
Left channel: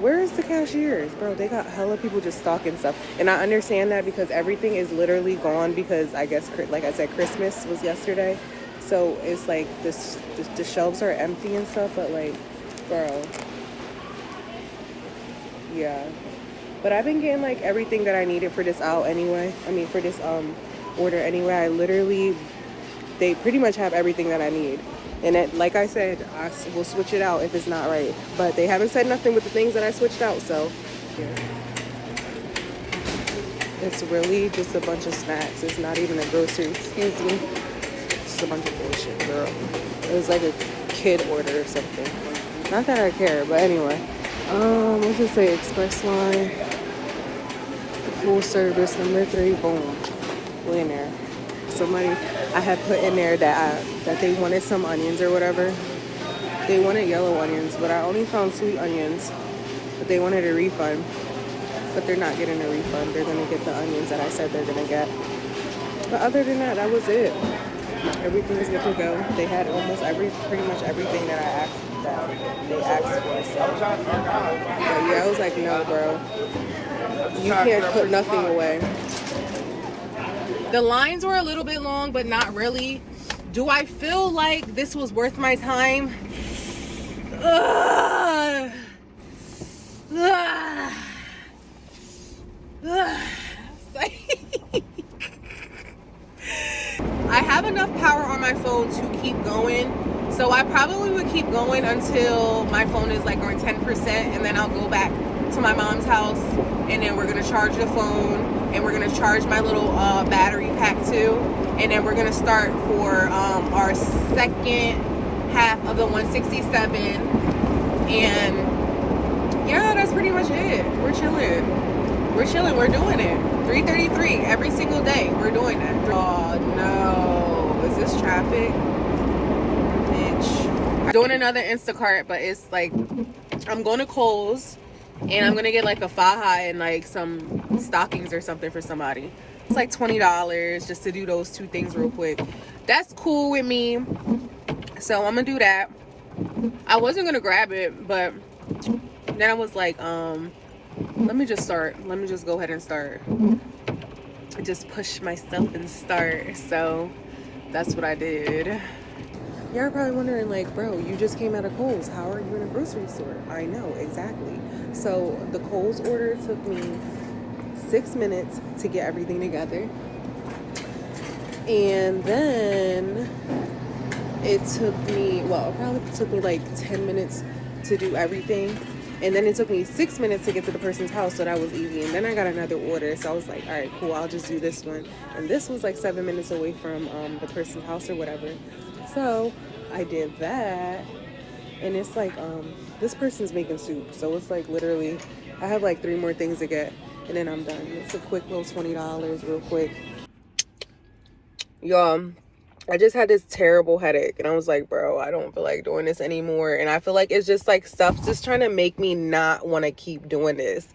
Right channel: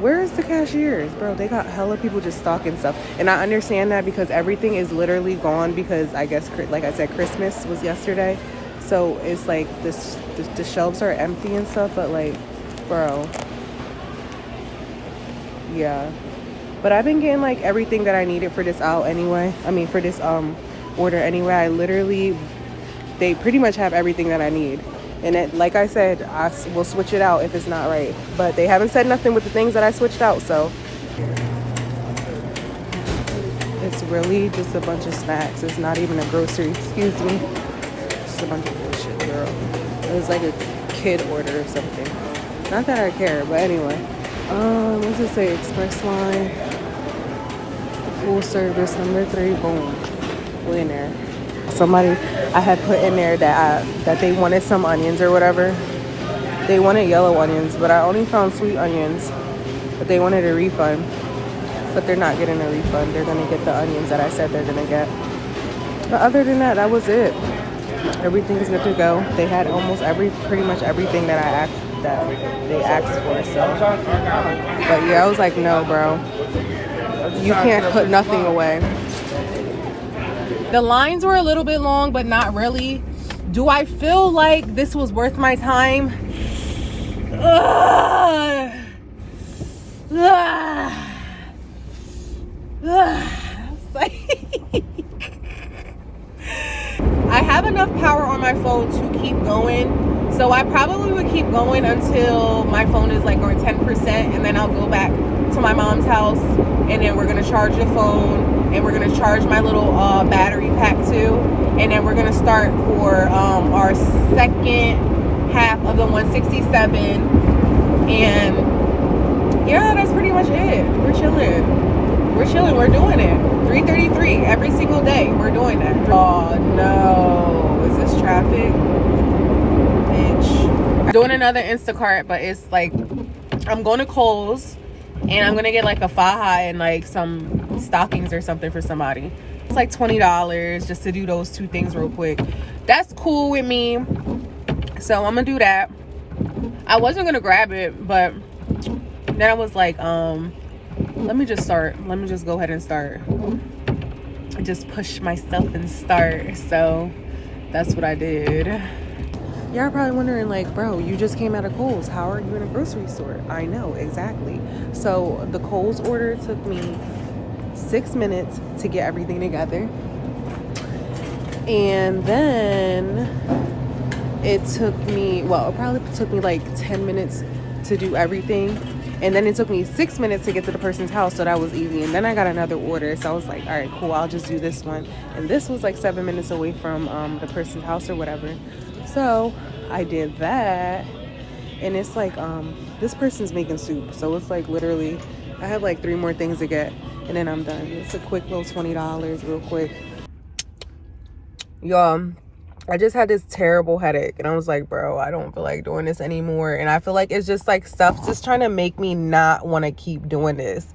Where's the cashiers? Bro, they got hella people just stocking stuff. And I understand that because everything is literally gone because I guess, like I said, Christmas was yesterday. So it's like the shelves are empty and stuff, but like, bro, yeah. But I've been getting like everything that I needed for this out anyway. I mean, for this order anyway. They pretty much have everything that I need. And it, like I said, I will switch it out if it's not right. But they haven't said nothing with the things that I switched out, so. It's really just a bunch of snacks. It's not even a grocery, excuse me. It's a bunch of bullshit, girl. It was like a kid order or something. Not that I care, but anyway. Let's just say express line, full service, number 3, boom. We in there. Somebody I had put in there that they wanted some onions or whatever. They wanted yellow onions, but I only found sweet onions. But they wanted a refund. But they're not getting a refund. They're gonna get the onions that I said they're gonna get. But other than that, that was it. Everything is good to go. They had almost pretty much everything that they asked for. So, but yeah, I was like, no, bro, you can't put nothing away. The lines were a little bit long, but not really. Do I feel like this was worth my time? I have enough power on my phone to keep going, so I probably would keep going until my phone is like on 10%, and then I'll go back to my mom's house, and then we're gonna charge the phone, and we're gonna charge my little battery pack too, and then we're gonna start for our second half of the 167, and yeah, that's pretty much it. We're chilling, we're doing it. 3:33 every single day, we're doing that. Oh no, is this traffic? Bitch. Doing another Instacart, but it's like, I'm going to Kohl's, and I'm gonna get like a faja and like some stockings or something for somebody. It's like $20 just to do those 2 things real quick. That's cool with me, so I'm gonna do that. I wasn't gonna grab it, but then I was like, let me just go ahead and start. Just push myself and start. So that's what I did. Y'all are probably wondering, like, bro, you just came out of Kohl's. How are you in a grocery store? I know, exactly. So the Kohl's order took me 6 minutes to get everything together. And then it probably took me like 10 minutes to do everything. And then it took me 6 minutes to get to the person's house, so that was easy. And then I got another order, so I was like, all right, cool, I'll just do this one. And this was like 7 minutes away from the person's house or whatever. So I did that, and it's like this person's making soup, so it's like literally I have like 3 more things to get, and then I'm done. It's a quick little $20 real quick. Y'all, I just had this terrible headache, and I was like, bro, I don't feel like doing this anymore. And I feel like it's just like stuff just trying to make me not want to keep doing this.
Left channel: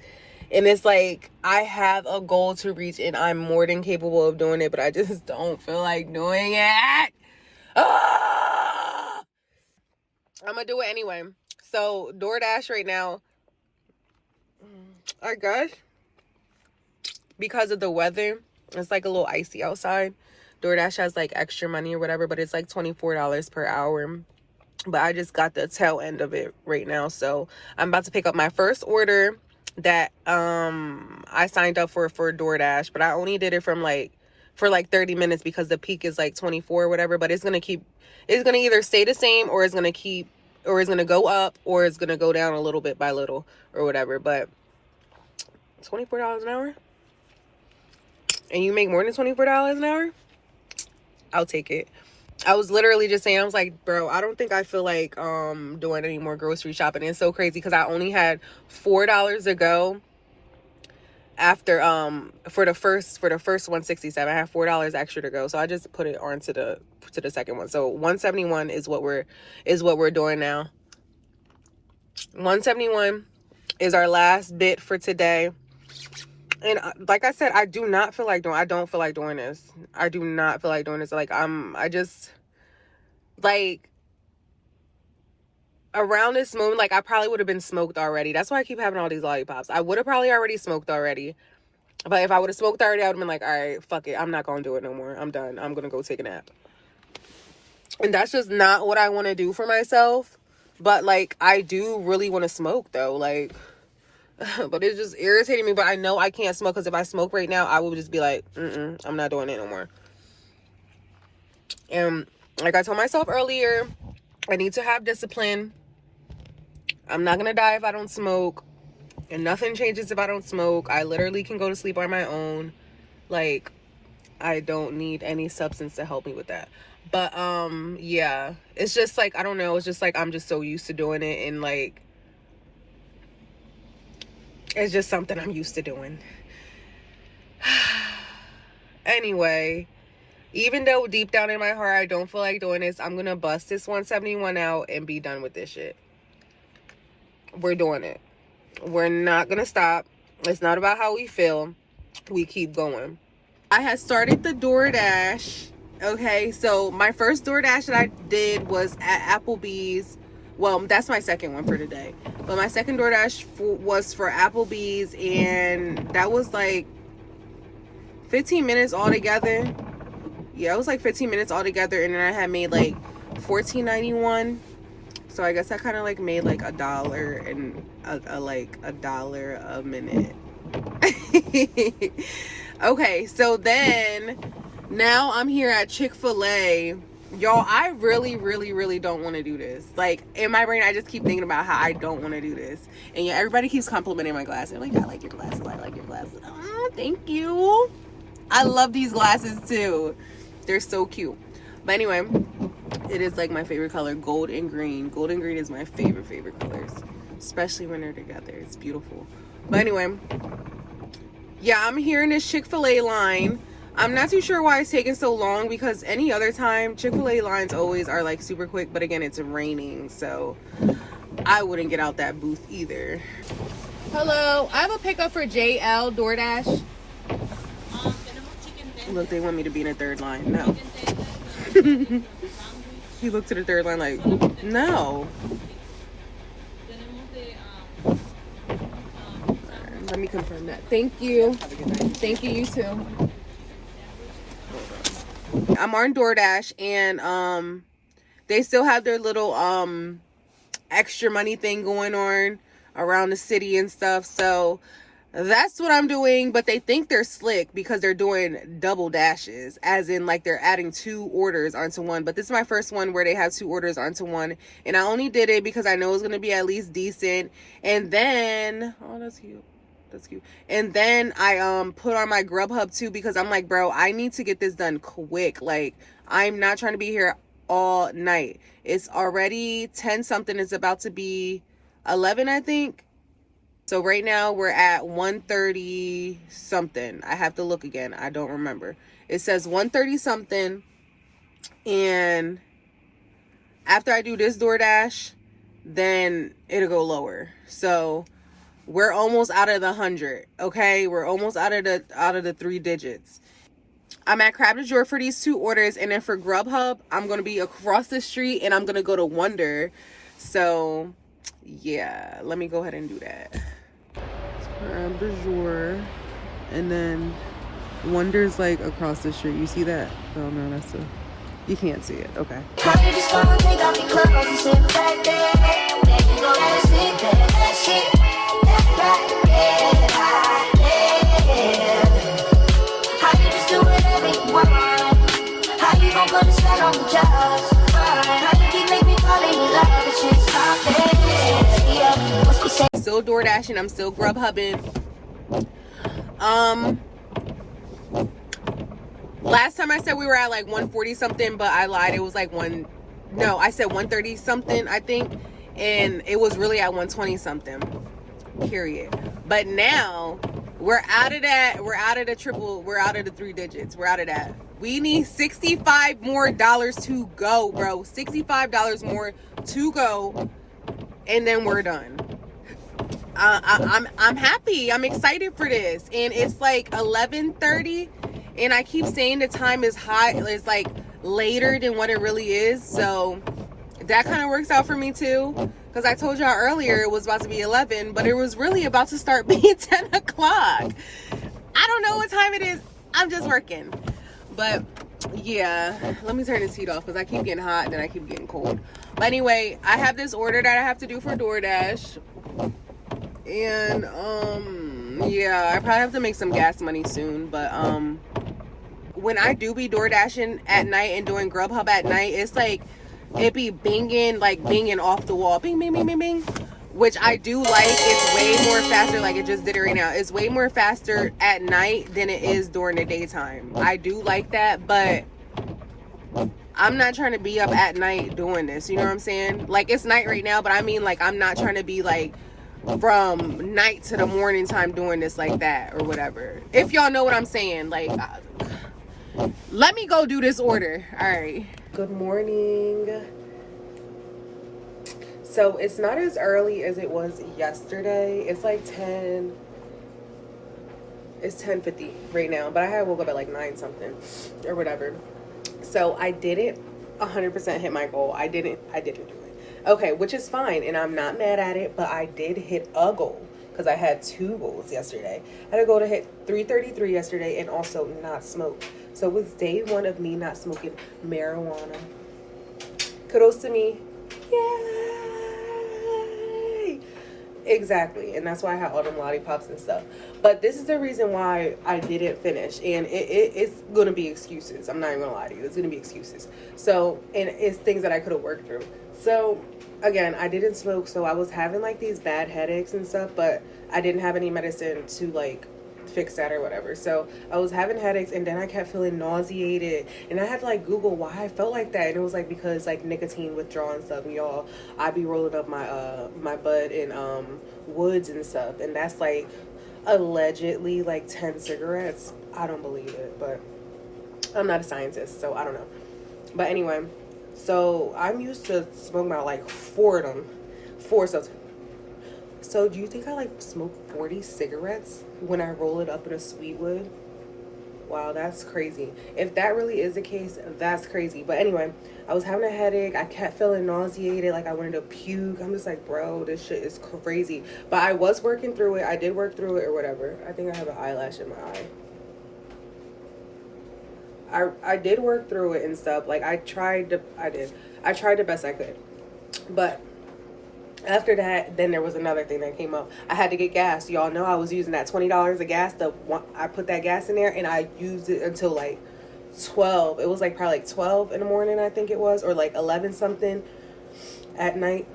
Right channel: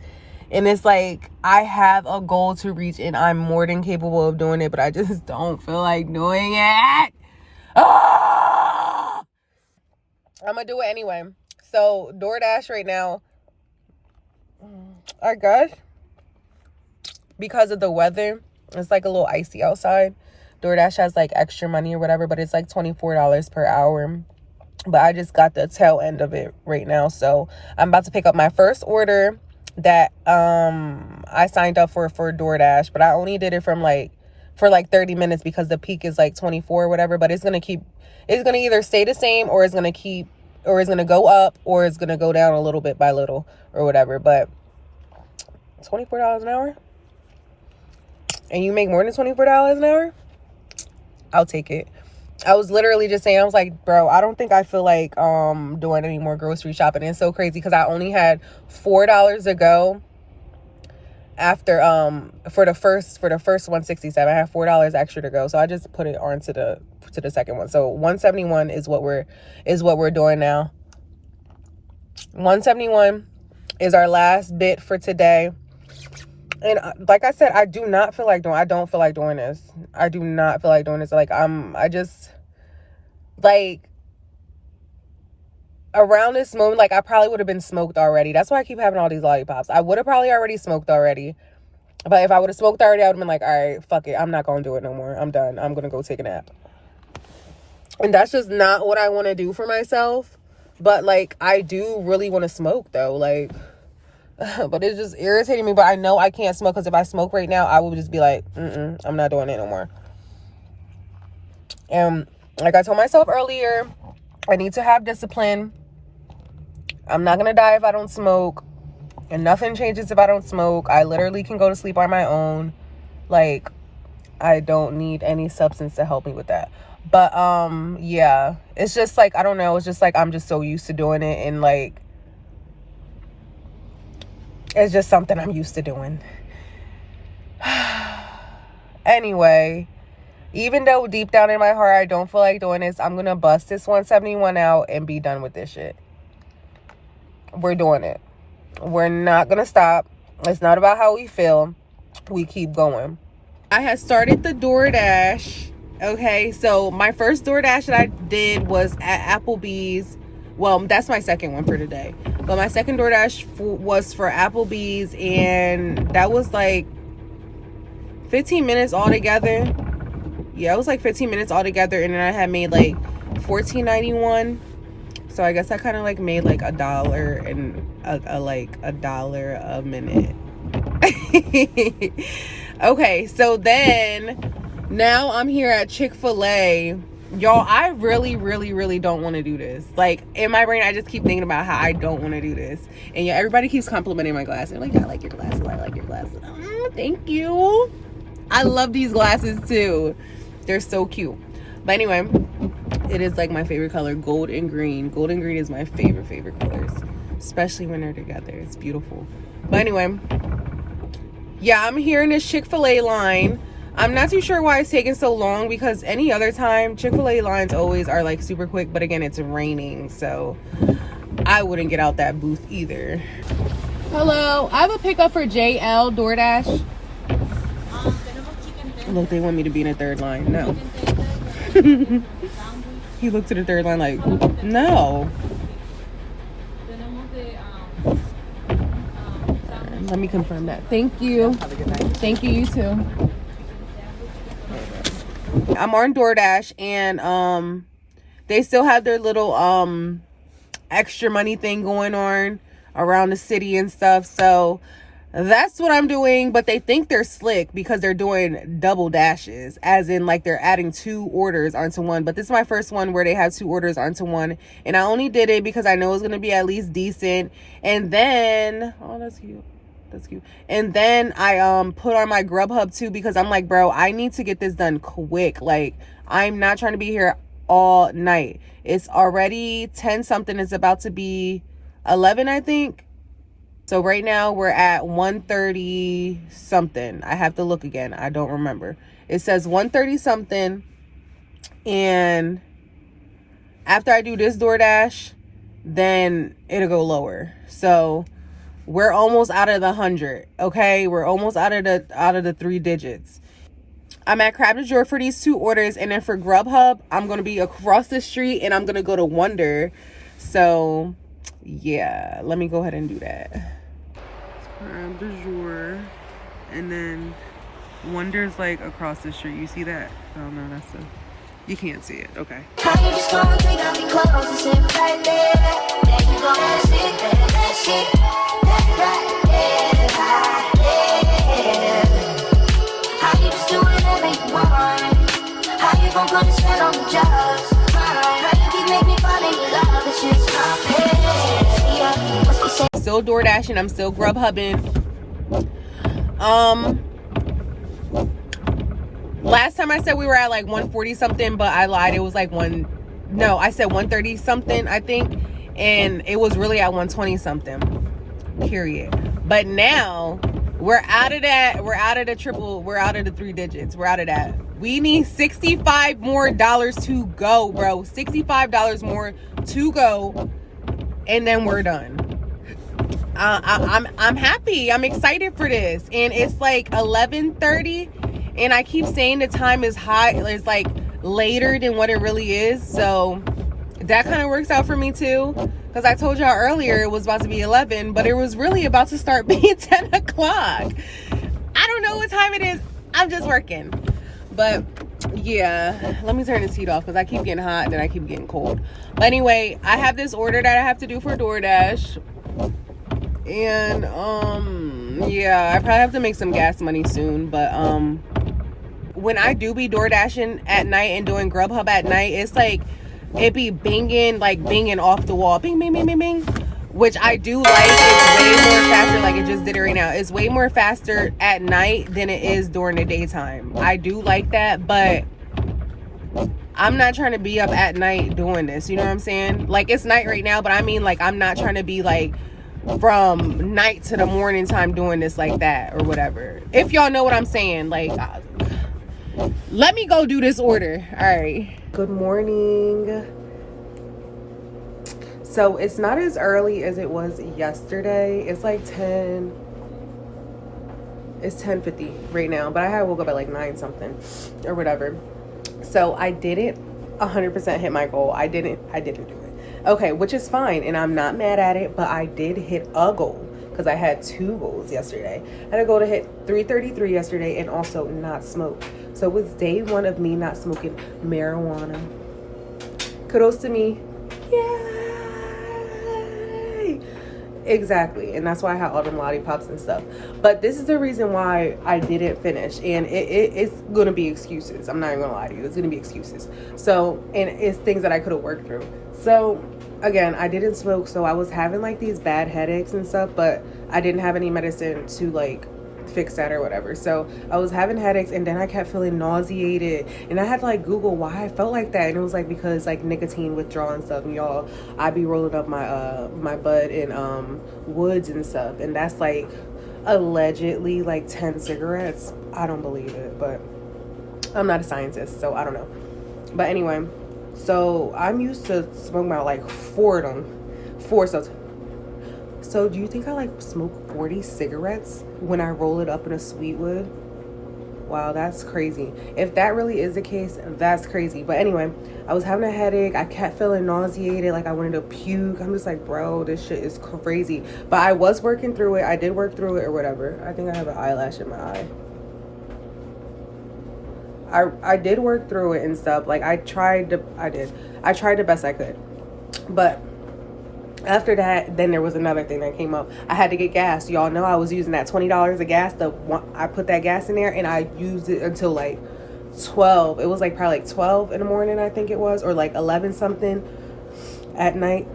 And it's like, I have a goal to reach, and I'm more than capable of doing it, but I just don't feel like doing it. I'm gonna do it anyway. So DoorDash right now, I guess because of the weather, it's like a little icy outside. DoorDash has like extra money or whatever, but it's like $24 per hour. But I just got the tail end of it right now. So I'm about to pick up my first order that I signed up for DoorDash, but I only did it for like 30 minutes because the peak is like 24 or whatever. But it's gonna either stay the same, or it's gonna go up, or it's gonna go down a little bit by little or whatever. But $24 an hour, and you make more than $24 an hour, I'll take it. I was literally just saying, I was like, bro, I don't think I feel like doing any more grocery shopping. And it's so crazy because I only had $4 to go. after for the first 167. I have $4 extra to go, so I just put it on to the second one. So 171 is what we're doing now. 171 is our last bit for today. And like I said, I don't feel like doing this. I do not feel like doing this. Like I just like around this moment, like I probably would have been smoked already. That's why I keep having all these lollipops. I would have probably already smoked already. But if I would have smoked already, I would have been like, all right, fuck it. I'm not going to do it no more. I'm done. I'm going to go take a nap. And that's just not what I want to do for myself. But like, I do really want to smoke though. Like, but it's just irritating me. But I know I can't smoke, because if I smoke right now, I would just be like, I'm not doing it no more. And like I told myself earlier, I need to have discipline. I'm not going to die if I don't smoke. And nothing changes if I don't smoke. I literally can go to sleep on my own. Like, I don't need any substance to help me with that. But, yeah. It's just like, I don't know. It's just like, I'm just so used to doing it. And like, it's just something I'm used to doing. Anyway, even though deep down in my heart I don't feel like doing this, I'm going to bust this 171 out and be done with this shit. We're doing it. We're not going to stop. It's not about how we feel. We keep going. I had started the DoorDash. Okay, so my first DoorDash that I did was at Applebee's. Well, that's my second one for today. But my second DoorDash was for Applebee's, and that was like 15 minutes altogether. Yeah, it was like 15 minutes altogether, and then I had made like $14.91. So I guess I kind of like made like $1 and $1 a minute. Okay, so then now I'm here at Chick-fil-A. Y'all, I really, really, really don't want to do this. Like, in my brain, I just keep thinking about how I don't want to do this. And yeah, everybody keeps complimenting my glasses. Like, I like your glasses. I like your glasses. Oh, thank you. I love these glasses too. They're so cute. But anyway, it is like my favorite color, gold and green. Gold and green is my favorite colors, especially when they're together. It's beautiful. But anyway, yeah, I'm here in this Chick-fil-A line. I'm not too sure why it's taking so long, because any other time Chick-fil-A lines always are like super quick, but again, it's raining, so I wouldn't get out that booth either. Hello, I have a pickup for JL DoorDash. Look, they want me to be in a third line. No. He looked at the third line like, no. Let me confirm that. Thank you. Thank you, you too. I'm on DoorDash, and they still have their little extra money thing going on around the city and stuff. So that's what I'm doing. But they think they're slick because they're doing double dashes, as in like they're adding 2 orders onto one. But this is my first one where they have 2 orders onto one, and I only did it because I know it's gonna be at least decent. And then, oh, that's cute. That's cute. And then I put on my Grubhub too, because I'm like, bro, I need to get this done quick. Like, I'm not trying to be here all night. It's already 10 something. It's about to be 11, I think. So right now we're at 1:30 something. I have to look again. I don't remember. It says 1:30 something. And after I do this DoorDash, then it'll go lower. So we're almost out of the 100. Okay, we're almost out of the 3 digits. I'm at Crab de Jour for these 2 orders, and then for Grubhub, I'm gonna be across the street, and I'm gonna go to Wonder. So yeah, let me go ahead and do that. Crab de Jour, and then Wonder's like across the street. You see that? Oh no, let's see. You can't see it. Okay. I just wanna take off your clothes and sit right there. That's it, that's it. Right there, right there. How you just do whatever you want? How you gon' put a smile on me just? How you make me fall in love? It's just something. Yeah, must be safe. Still DoorDashing. I'm still Grubhubbing. Last time I said we were at like 140 something, but I lied. It was like I said 130 something, I think. And it was really at 120 something, period. But now We're out of that. We're out of the triple. We're out of the 3 digits. We're out of that. We need $65 more to go, bro. $65 more to go, and then we're done. I'm happy. I'm excited for this, and it's like 11:30, and I keep saying the time is high. It's like later than what it really is, so that kind of works out for me too. Because I told y'all earlier it was about to be 11, but it was really about to start being 10 o'clock. I don't know what time it is. I'm just working. But yeah, let me turn this heat off because I keep getting hot and then I keep getting cold. But anyway, I have this order that I have to do for DoorDash. And yeah, I probably have to make some gas money soon. But when I do be DoorDashing at night and doing Grubhub at night, it's like it be binging off the wall, bing, bing, bing, bing, bing, which I do like. It's way more faster, like it just did it right now. It's way more faster at night than it is during the daytime. I do like that, but I'm not trying to be up at night doing this, you know what I'm saying? Like, it's night right now, but I mean, like, I'm not trying to be like from night to the morning time doing this like that or whatever, if y'all know what I'm saying. Like, let me go do this order. All right, good morning. So it's not as early as it was yesterday. It's like 10. It's 10:50 right now, but I had woke up at like 9 something or whatever. So I didn't 100% hit my goal. I didn't do it. Okay, which is fine, and I'm not mad at it, but I did hit a goal because I had 2 goals yesterday. I had a goal to hit 333 yesterday and also not smoke. So it was day 1 of me not smoking marijuana. Kudos to me. Yay! Exactly. And that's why I had all them lollipops and stuff. But this is the reason why I didn't finish. And it's going to be excuses. I'm not even going to lie to you. It's going to be excuses. So, and it's things that I could have worked through. So, again, I didn't smoke. So I was having like these bad headaches and stuff. But I didn't have any medicine to like fix that or whatever. So I was having headaches, and then I kept feeling nauseated, and I had to like Google why I felt like that, and it was like because like nicotine withdrawal and stuff. And y'all, I be rolling up my my bud in woods and stuff, and that's like allegedly like 10 cigarettes. I don't believe it, but I'm not a scientist, so I don't know. But anyway, so I'm used to smoking about like 4 of them. So do you think I like smoke 40 cigarettes when I roll it up in a sweet wood? Wow, that's crazy. If that really is the case, that's crazy. But anyway, I was having a headache. I kept feeling nauseated, like I wanted to puke. I'm just like, bro, this shit is crazy. But I was working through it. I did work through it or whatever. I think I have an eyelash in my eye. I did work through it and stuff. Like I tried the best I could. But after that, then there was another thing that came up. I had to get gas. Y'all know I was using that $20 of gas. I put that gas in there, and I used it until like 12. It was like probably like 12 in the morning, I think it was, or like 11 something at night.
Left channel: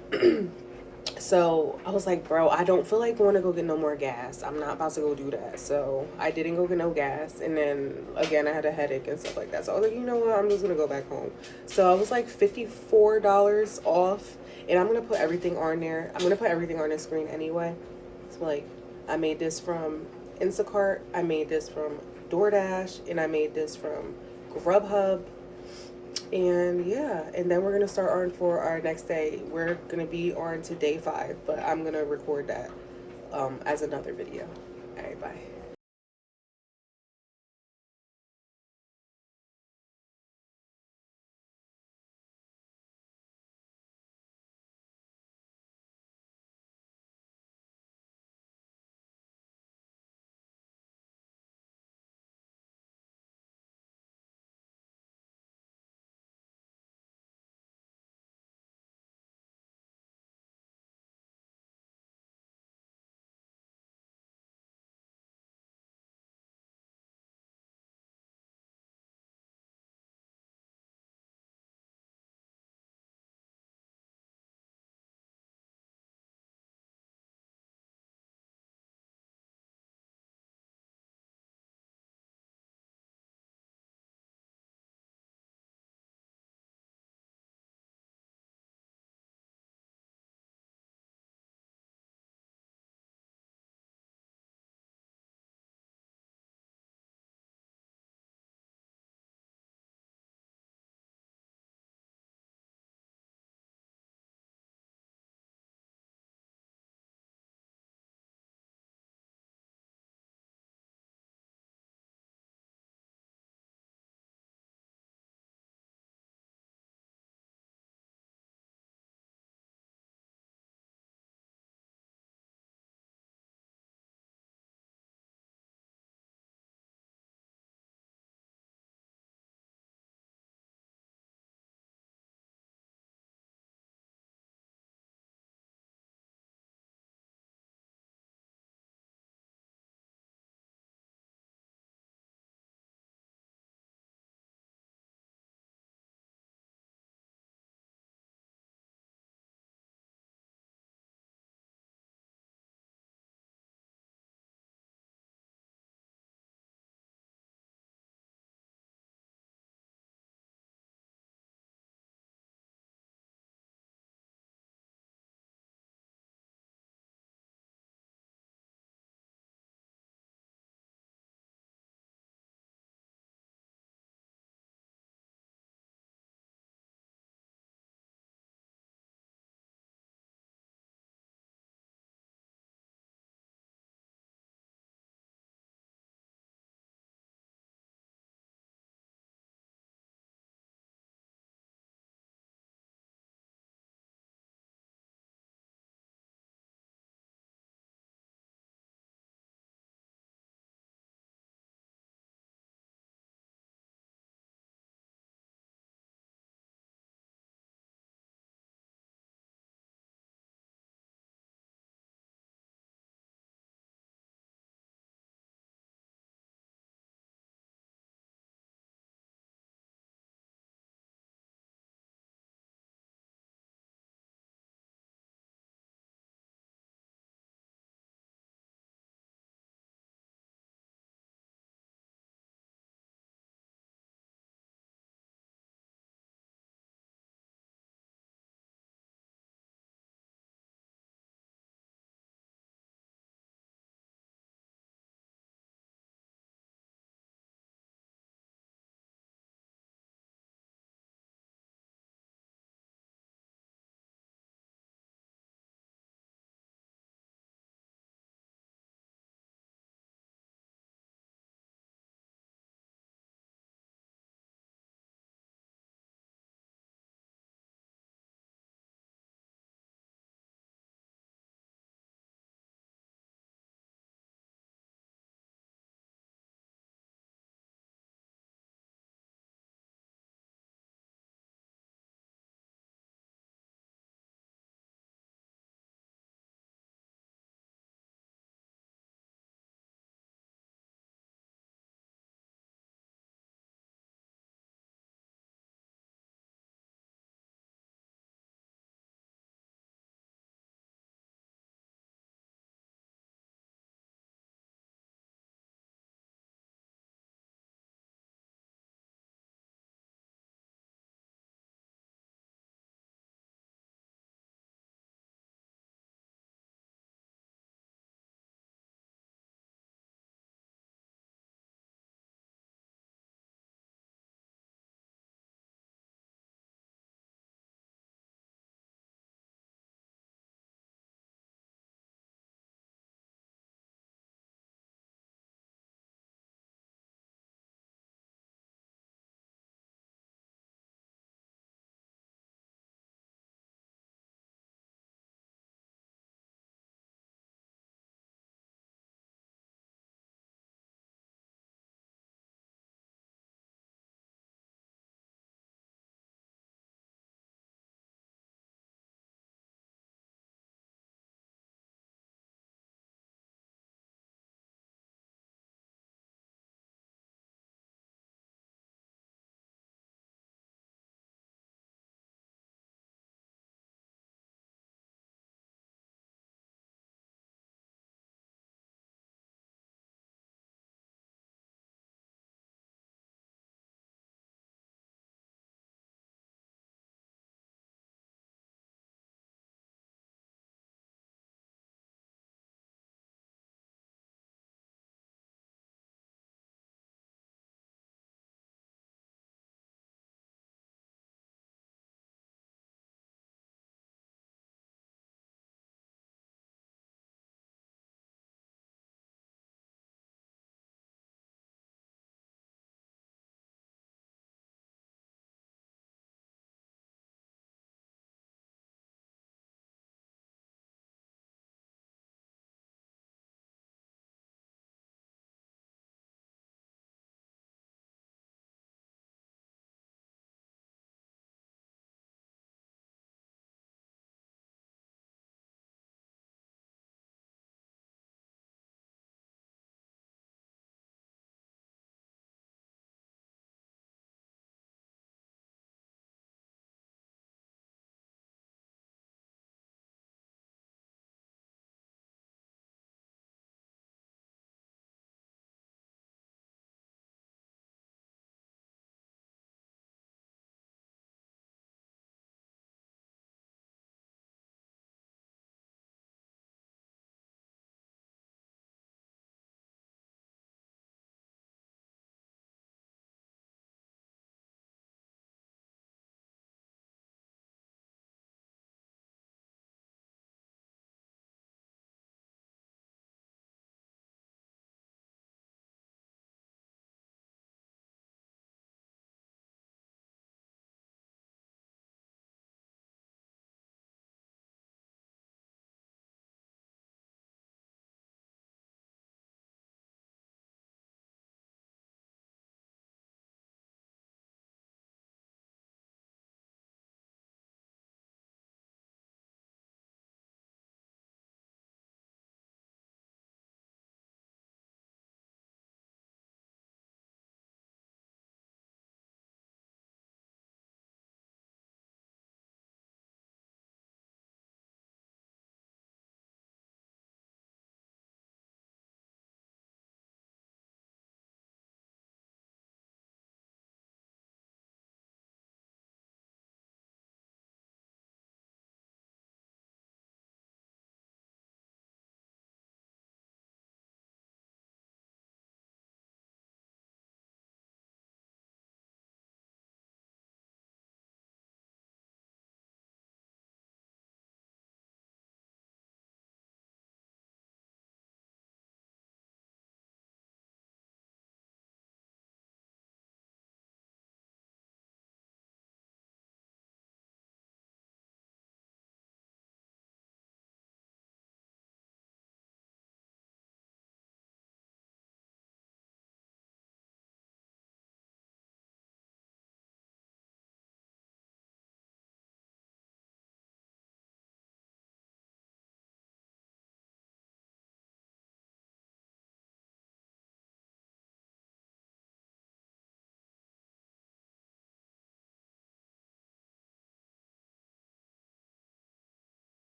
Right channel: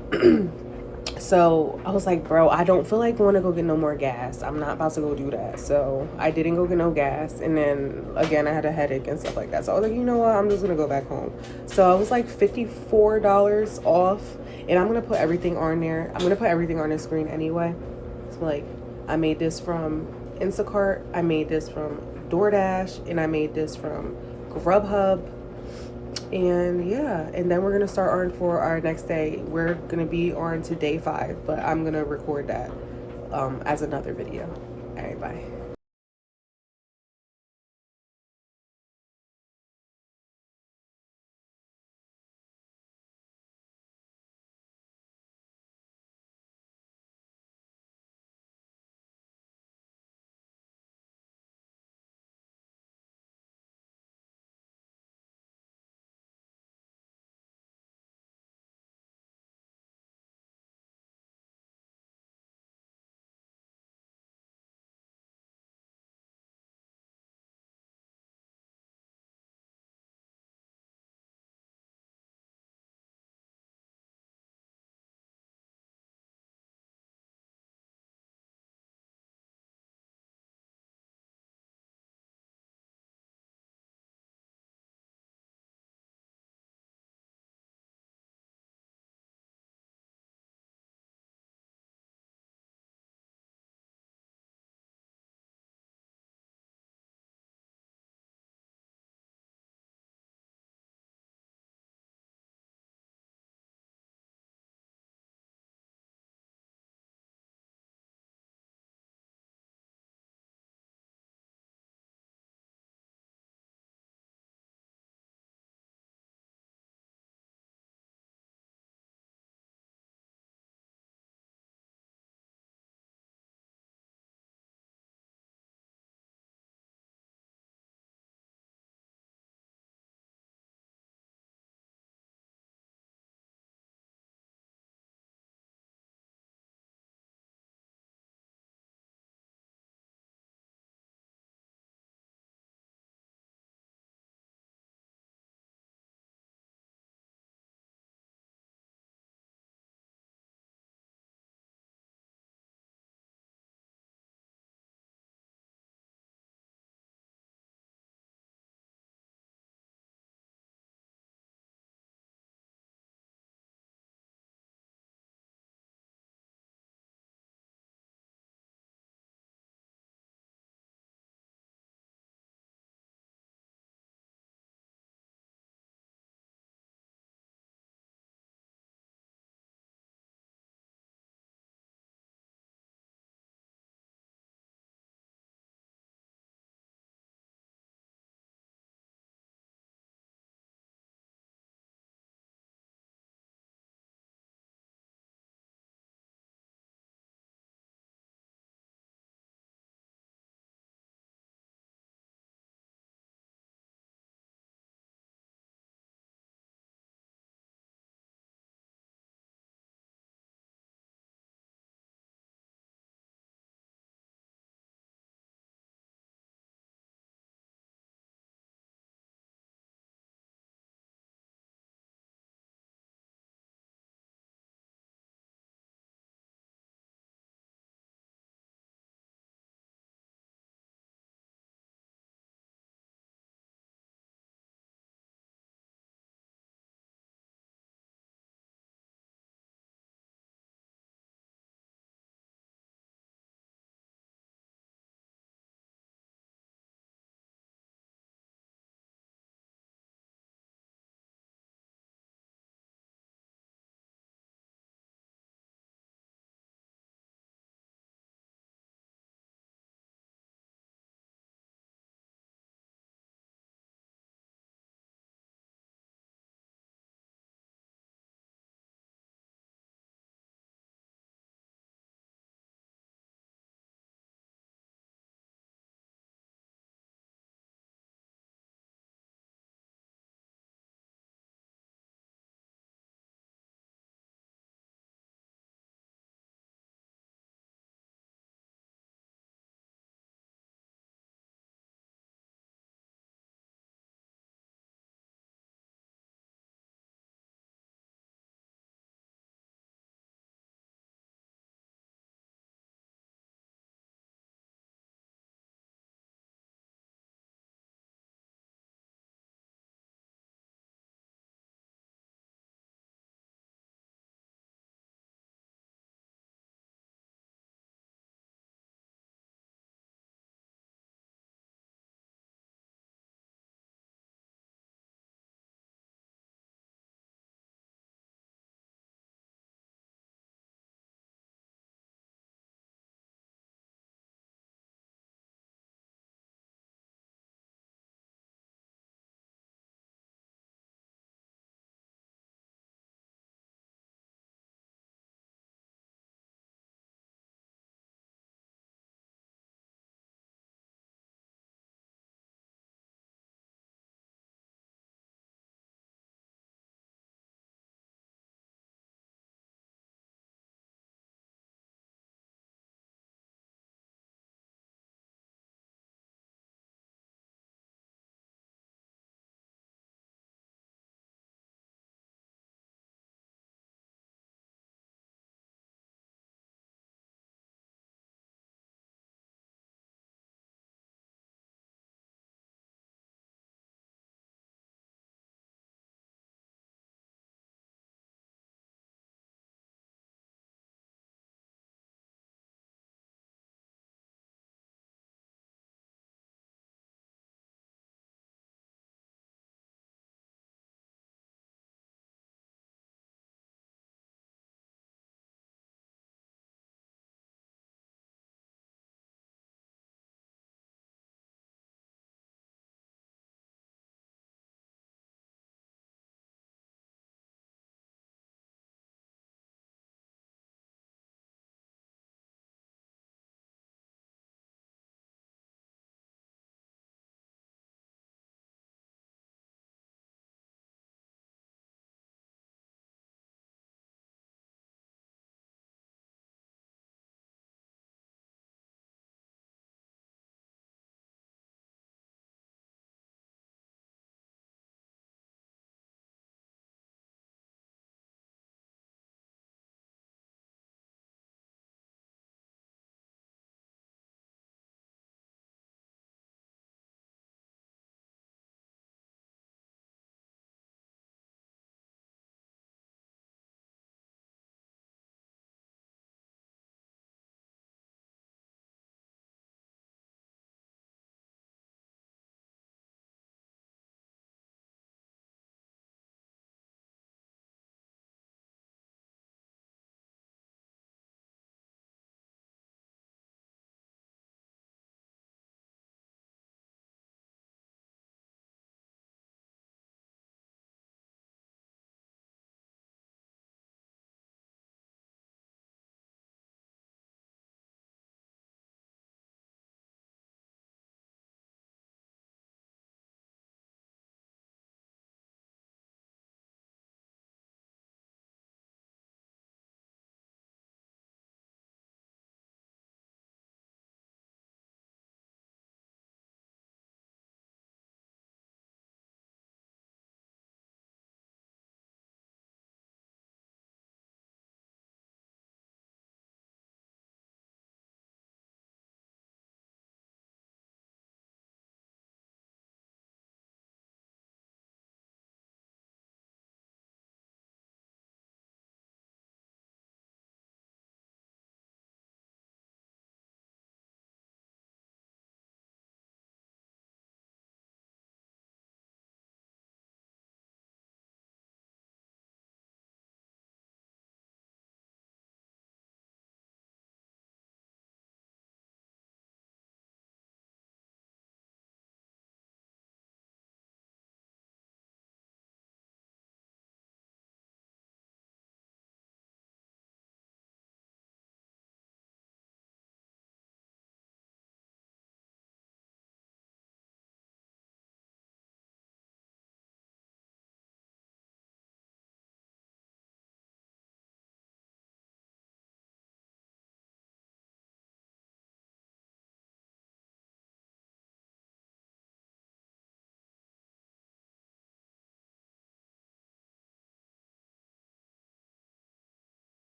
So I was like, bro, I don't feel like going to go get no more gas. I'm not about to go do that. So I didn't go get no gas. And then again, I had a headache and stuff like that. So I was like, you know what? I'm just going to go back home. So I was like $54 off. And I'm going to put everything on there. I'm going to put everything on the screen anyway. So like, I made this from Instacart. I made this from DoorDash. And I made this from Grubhub. And yeah, and then we're going to start on for our next day. We're going to be on to day 5. But I'm going to record that as another video. All right, bye.